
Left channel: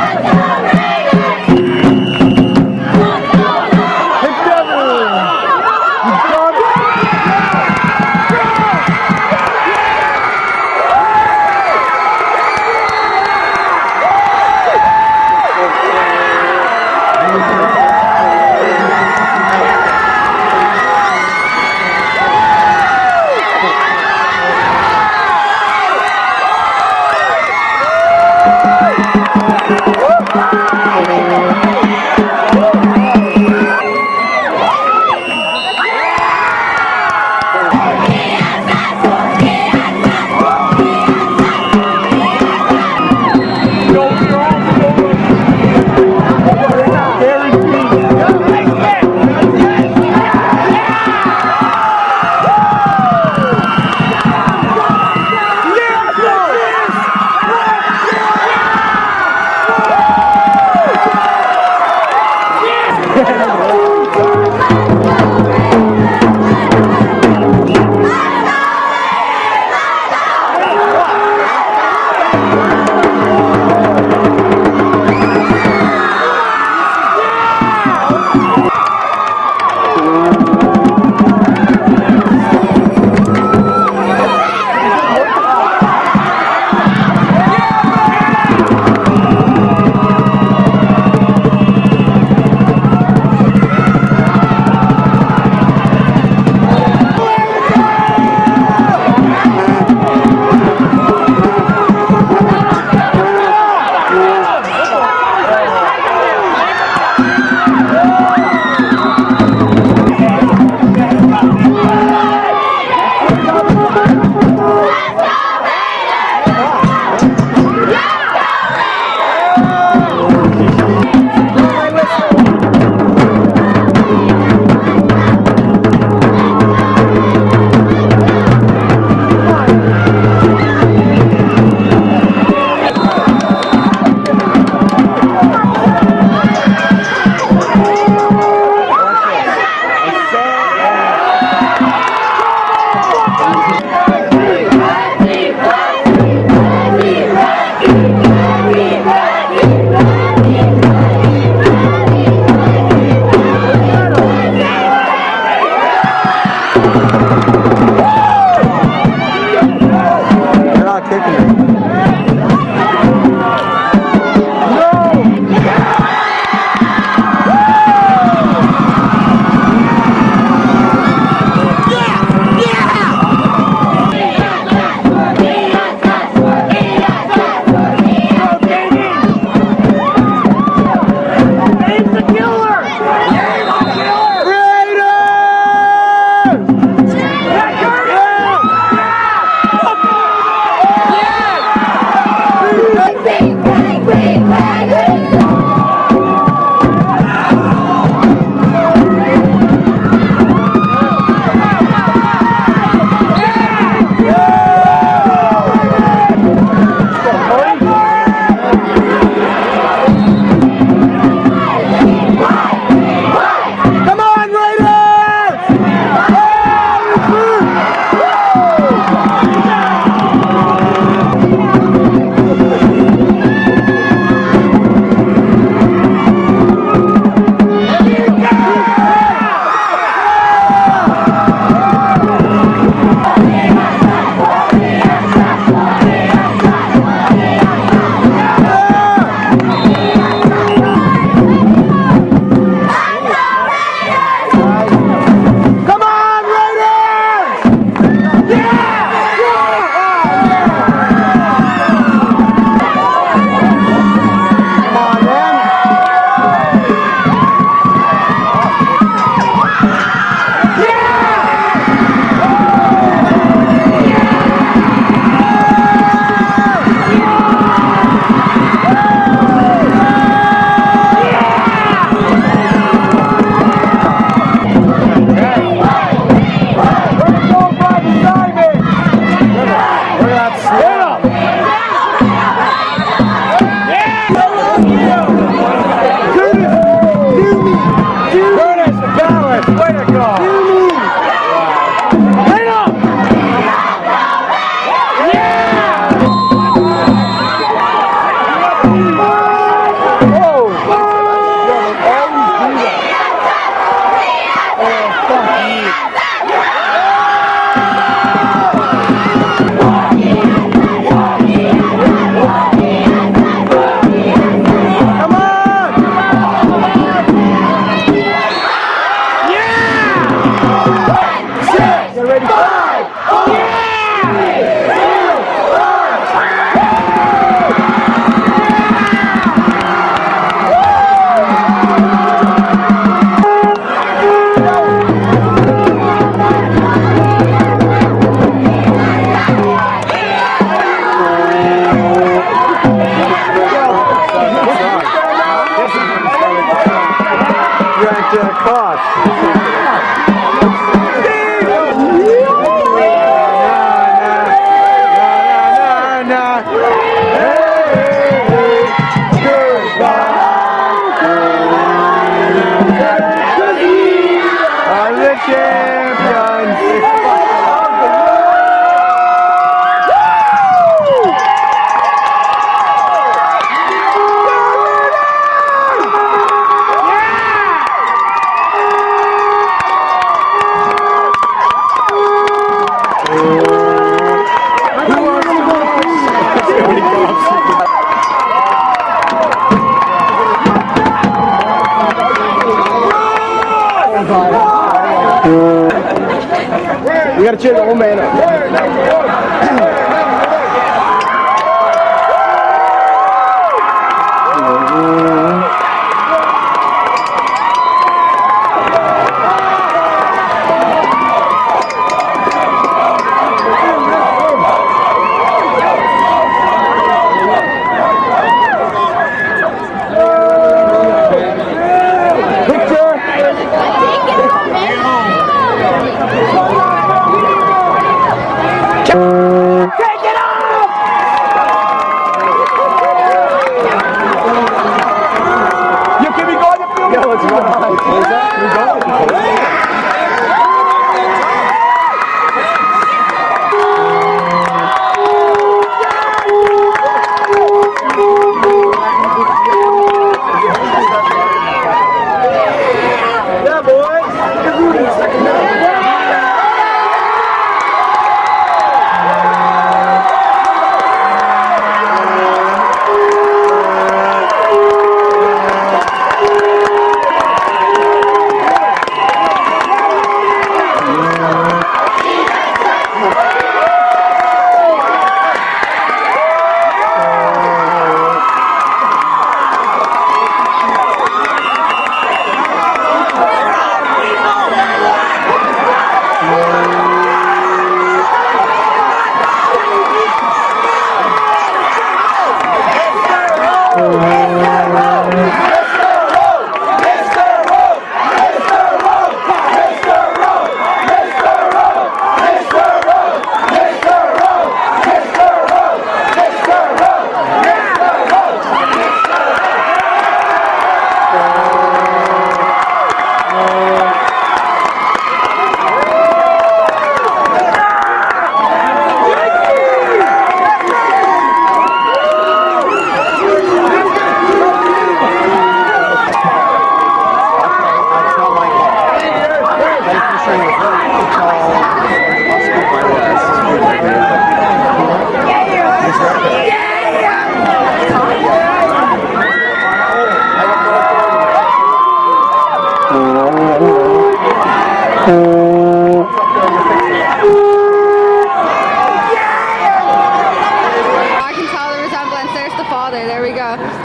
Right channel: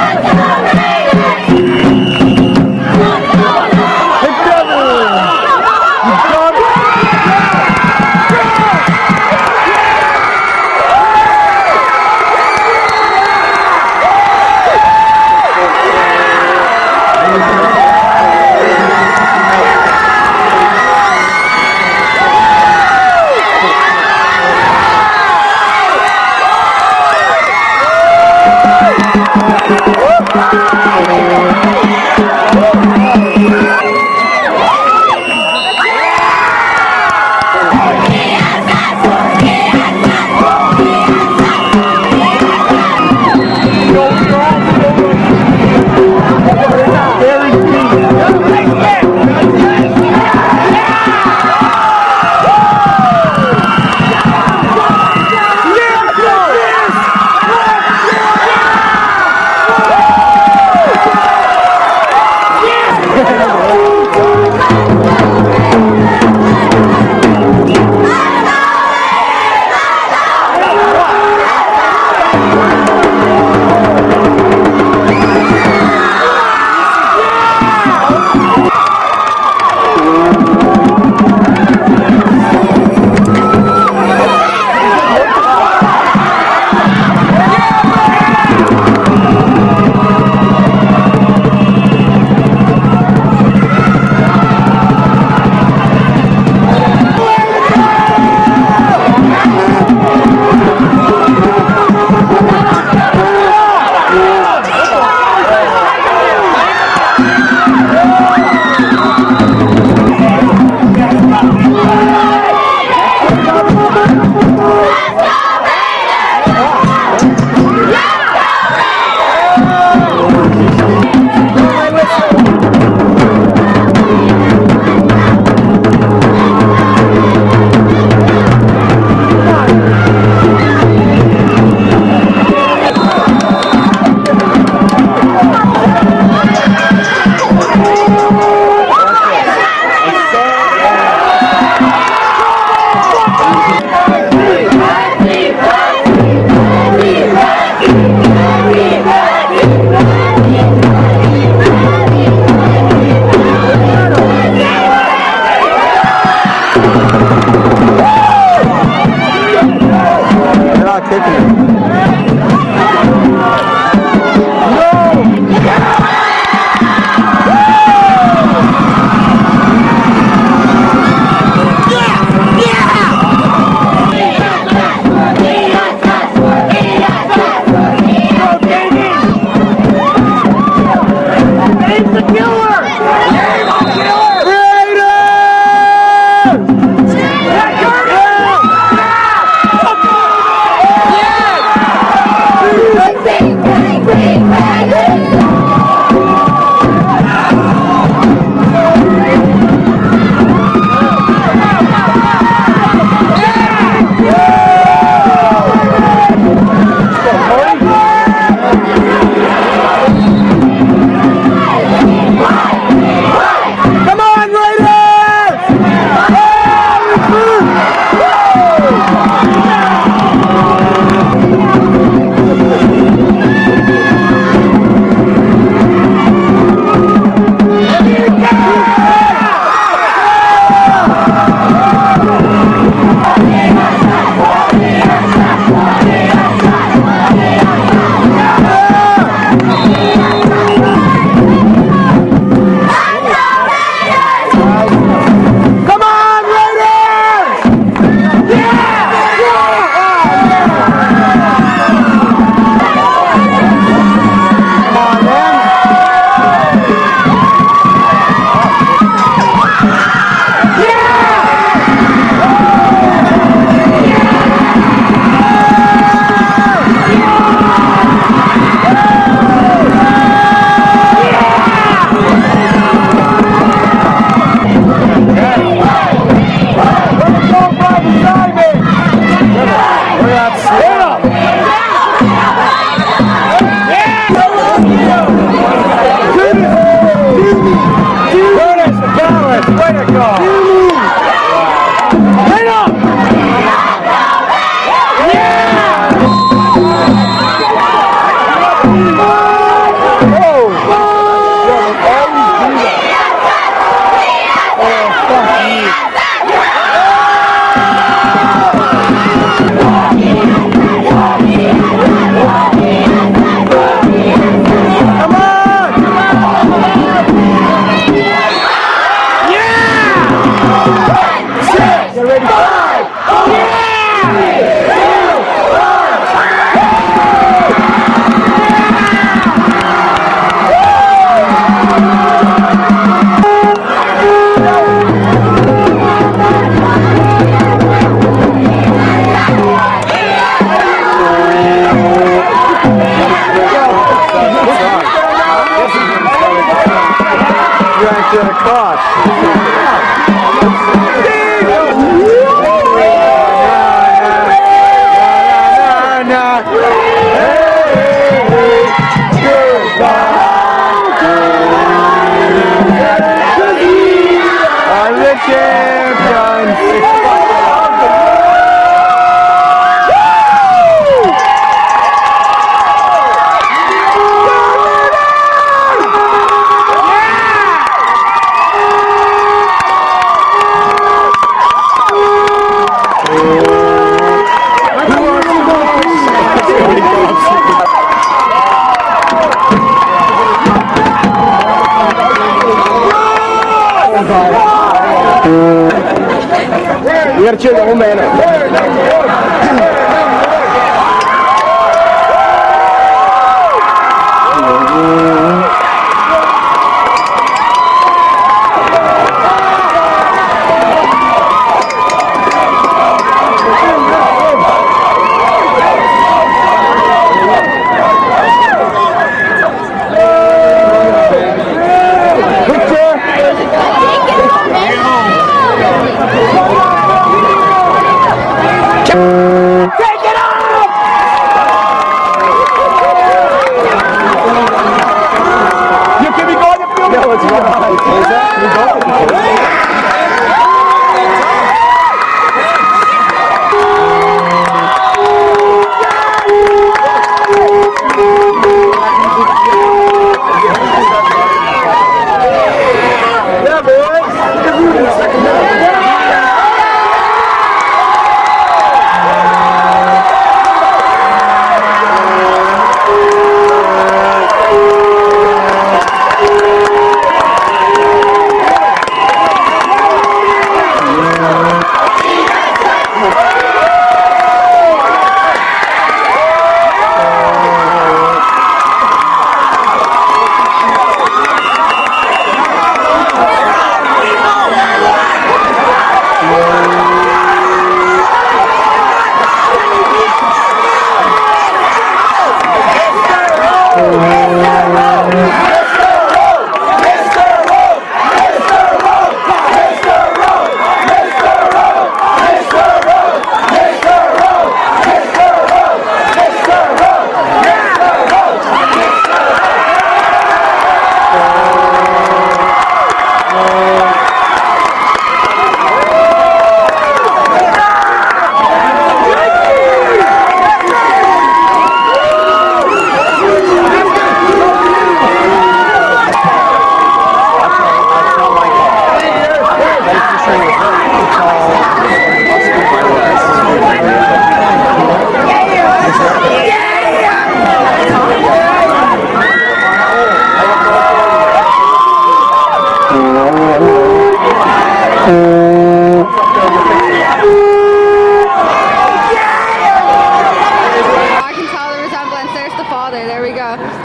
Get ready. 5! You gotta cheer the old man up.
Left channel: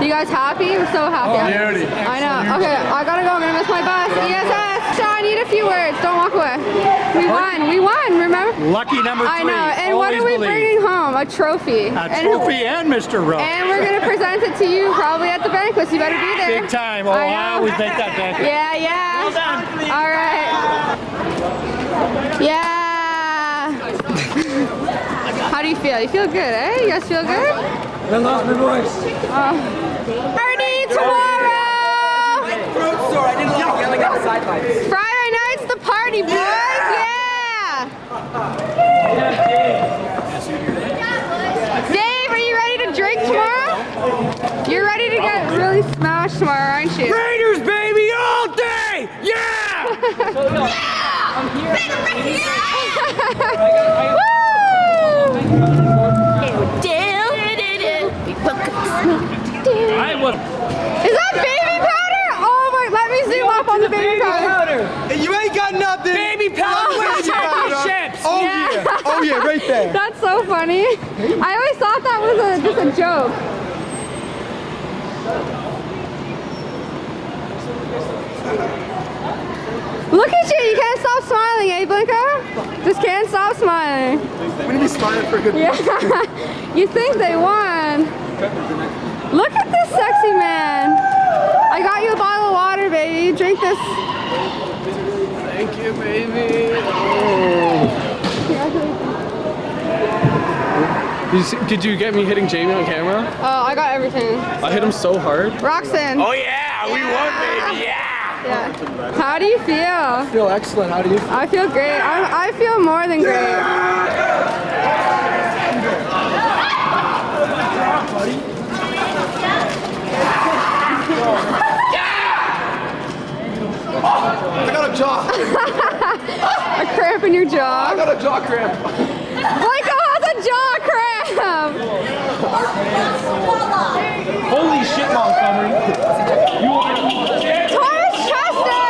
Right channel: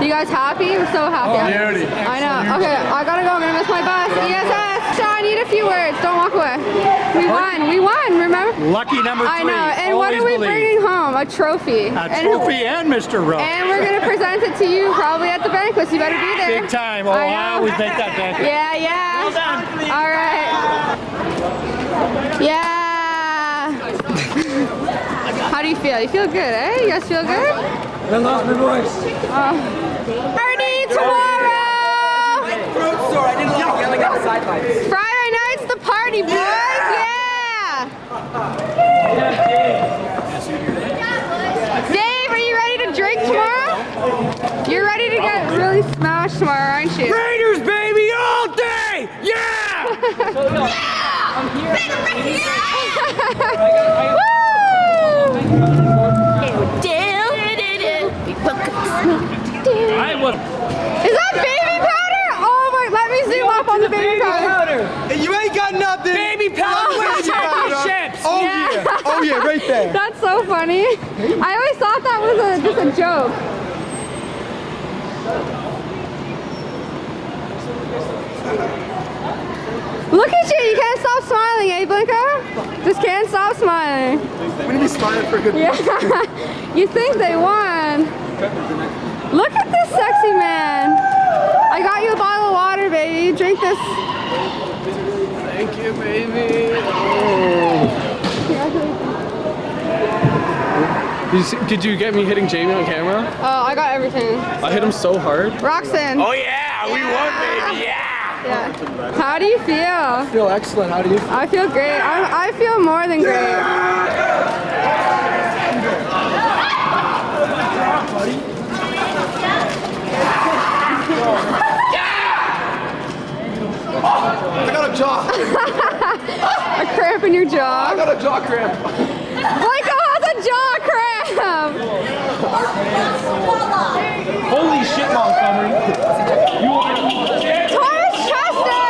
You guys happy? I'm so happy. Oh, I know. Okay, I gotta go. I'm gonna miss my bus. ESS. Sean, I need a few words. Don't walk away. We won. We won. Remember? Lucky number 3. I know. And what are we bringing home? A trophy. A trophy and Mr. Rowe. And we're gonna present it to you probably at the banquet. So you better be there. Big time. Oh, I always make that banquet. Yeah, yeah. Well done. All right. Yeah. How do you feel? You feel good, eh? You guys feel good? I lost my voice. Party tomorrow! Fruit store. I didn't like yelling at the sidelines. Friday night's the party, boys! Yeah! Dave, are you ready to drink tomorrow? You're ready to get really smashed tomorrow, aren't you? Raiders, baby, all day! Yeah! Is that baby powder? Oh my, let me zoom up on the baby powder. You ain't got nothing! Baby powder! Oh, Chips! Oh yeah! Oh yeah, right there. That's so funny. I always thought that was just a joke. Look at you can't stop smiling, eh, Blinker? Just can't stop smiling. We're gonna be smiling for a good Yeah, you think they won. Look at this sexy man. I got you a bottle of water, baby. Drink this. Thank you, baby. Did you get me hitting Jamie on camera? Oh, I got everything. I hit him so hard. Roxanne. Oh yeah, we won, baby, yeah! Yeah. How do you feel? I feel excellent. How do you feel? I feel great. I feel more than great. I got a jaw. A cramp in your jaw. I got a jaw cramp. Michael has a jaw cramp. Holy shit, Montgomery. Taurus Chester.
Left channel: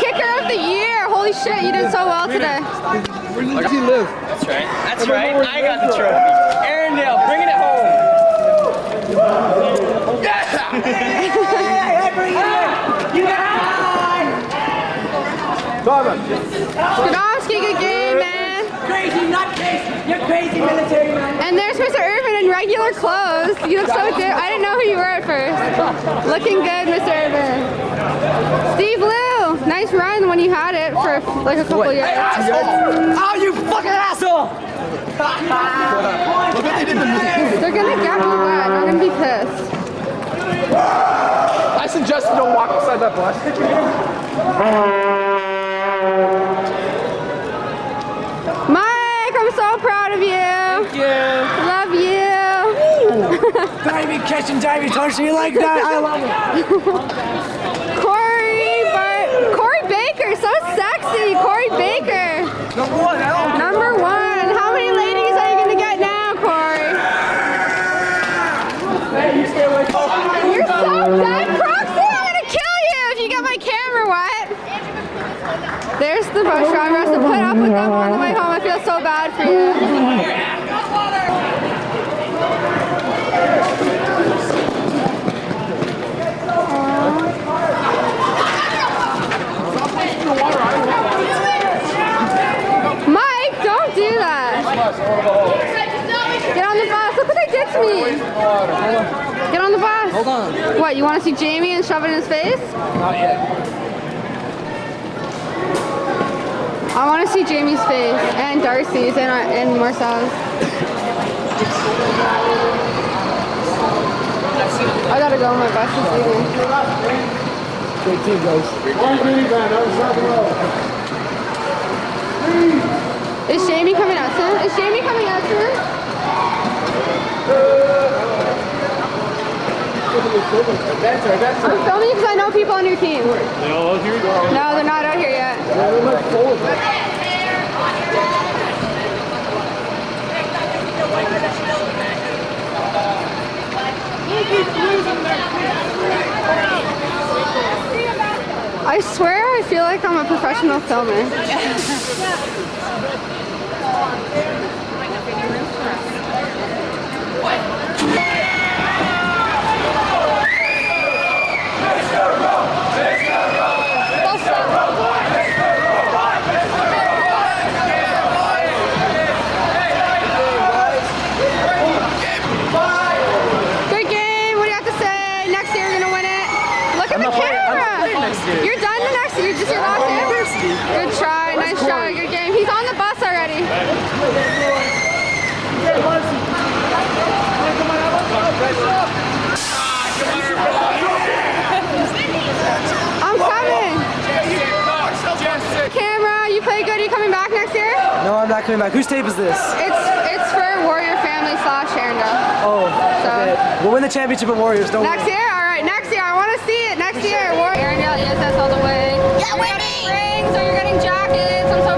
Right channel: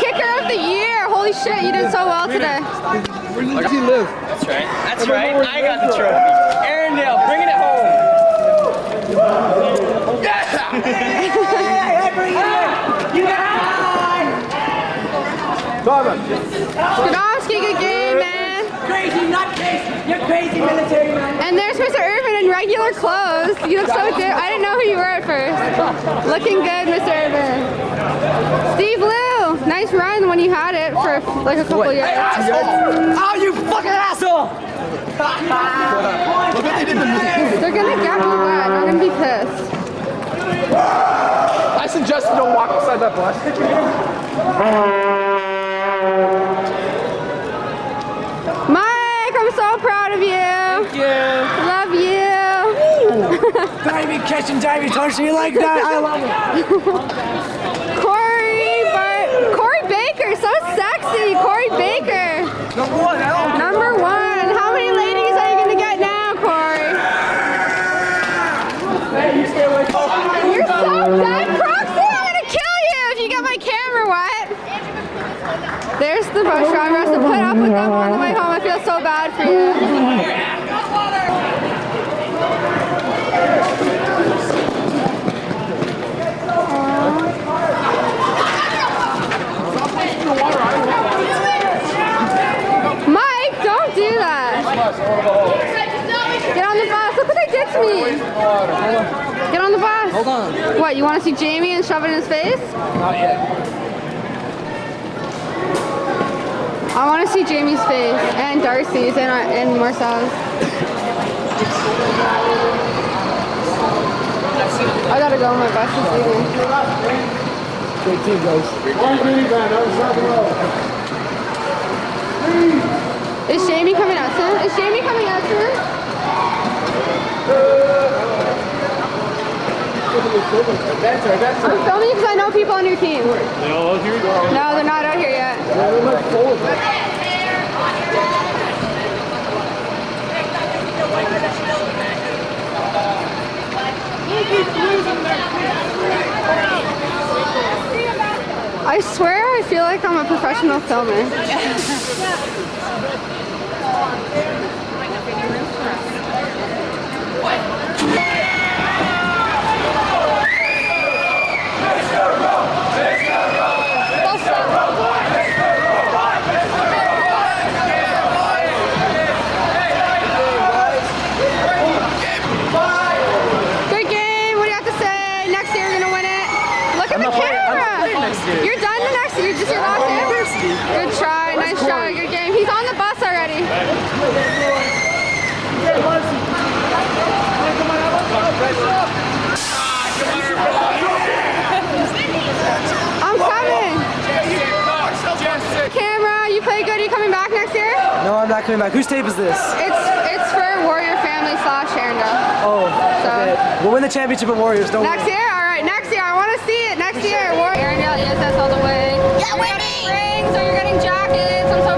Kicker of the year. Holy shit, you did so well today. Where does he live? That's right. That's right. I got the trophy. Erindale, bringing it home. Skadowski, good game, man. Crazy, not crazy. You're crazy, military man. And there's Mr. Irvin in regular clothes. You look so different. I didn't know who you were at first. Looking good, Mr. Irvin. Steve Liu, nice run when you had it for like a couple years. Oh, you fucking asshole! They're gonna get me wet. I'm gonna be pissed. I suggest you don't walk beside that bus. Mike, I'm so proud of you. Thank you. Love you. Baby, catching diving touch, you like that? I love it. Corey Baker, so sexy. Corey Baker. Number one, Number one. How many ladies are you gonna get now, Corey? You're so dead, Proxy. I'm gonna kill you if you get my camera wet. There's the bus driver. I have to put up with them on the way home. I feel so bad for you. Mike, don't do that. Get on the bus. Look what they did to me. Get on the bus. Hold on. What, you want to see Jamie and shove it in his face? Not yet. I want to see Jamie's face and Darcy's and Marcel's. I gotta go. My bus is leaving. Great team, guys. Is Jamie coming out soon? Is Jamie coming out soon? I'm filming because I know people on your team. They all out here? No, they're not out here yet. I swear I feel like I'm a professional filmer. Good game. What do you have to say? Next year you're gonna win it. Look at the camera. You're done the next year. You're just your last year. Good try. Nice try. Good game. He's on the bus already. I'm coming. Camera, you play good. Are you coming back next year? No, I'm not coming back. Whose tape is this? It's for Warrior Family / Erindale. Oh, So okay. We'll win the championship at Warriors, don't next worry. year? All right, next year. I want to see it. Next year. Warrior Erindale ESS all the way. Yeah, you're getting rings or you're getting jackets. I'm so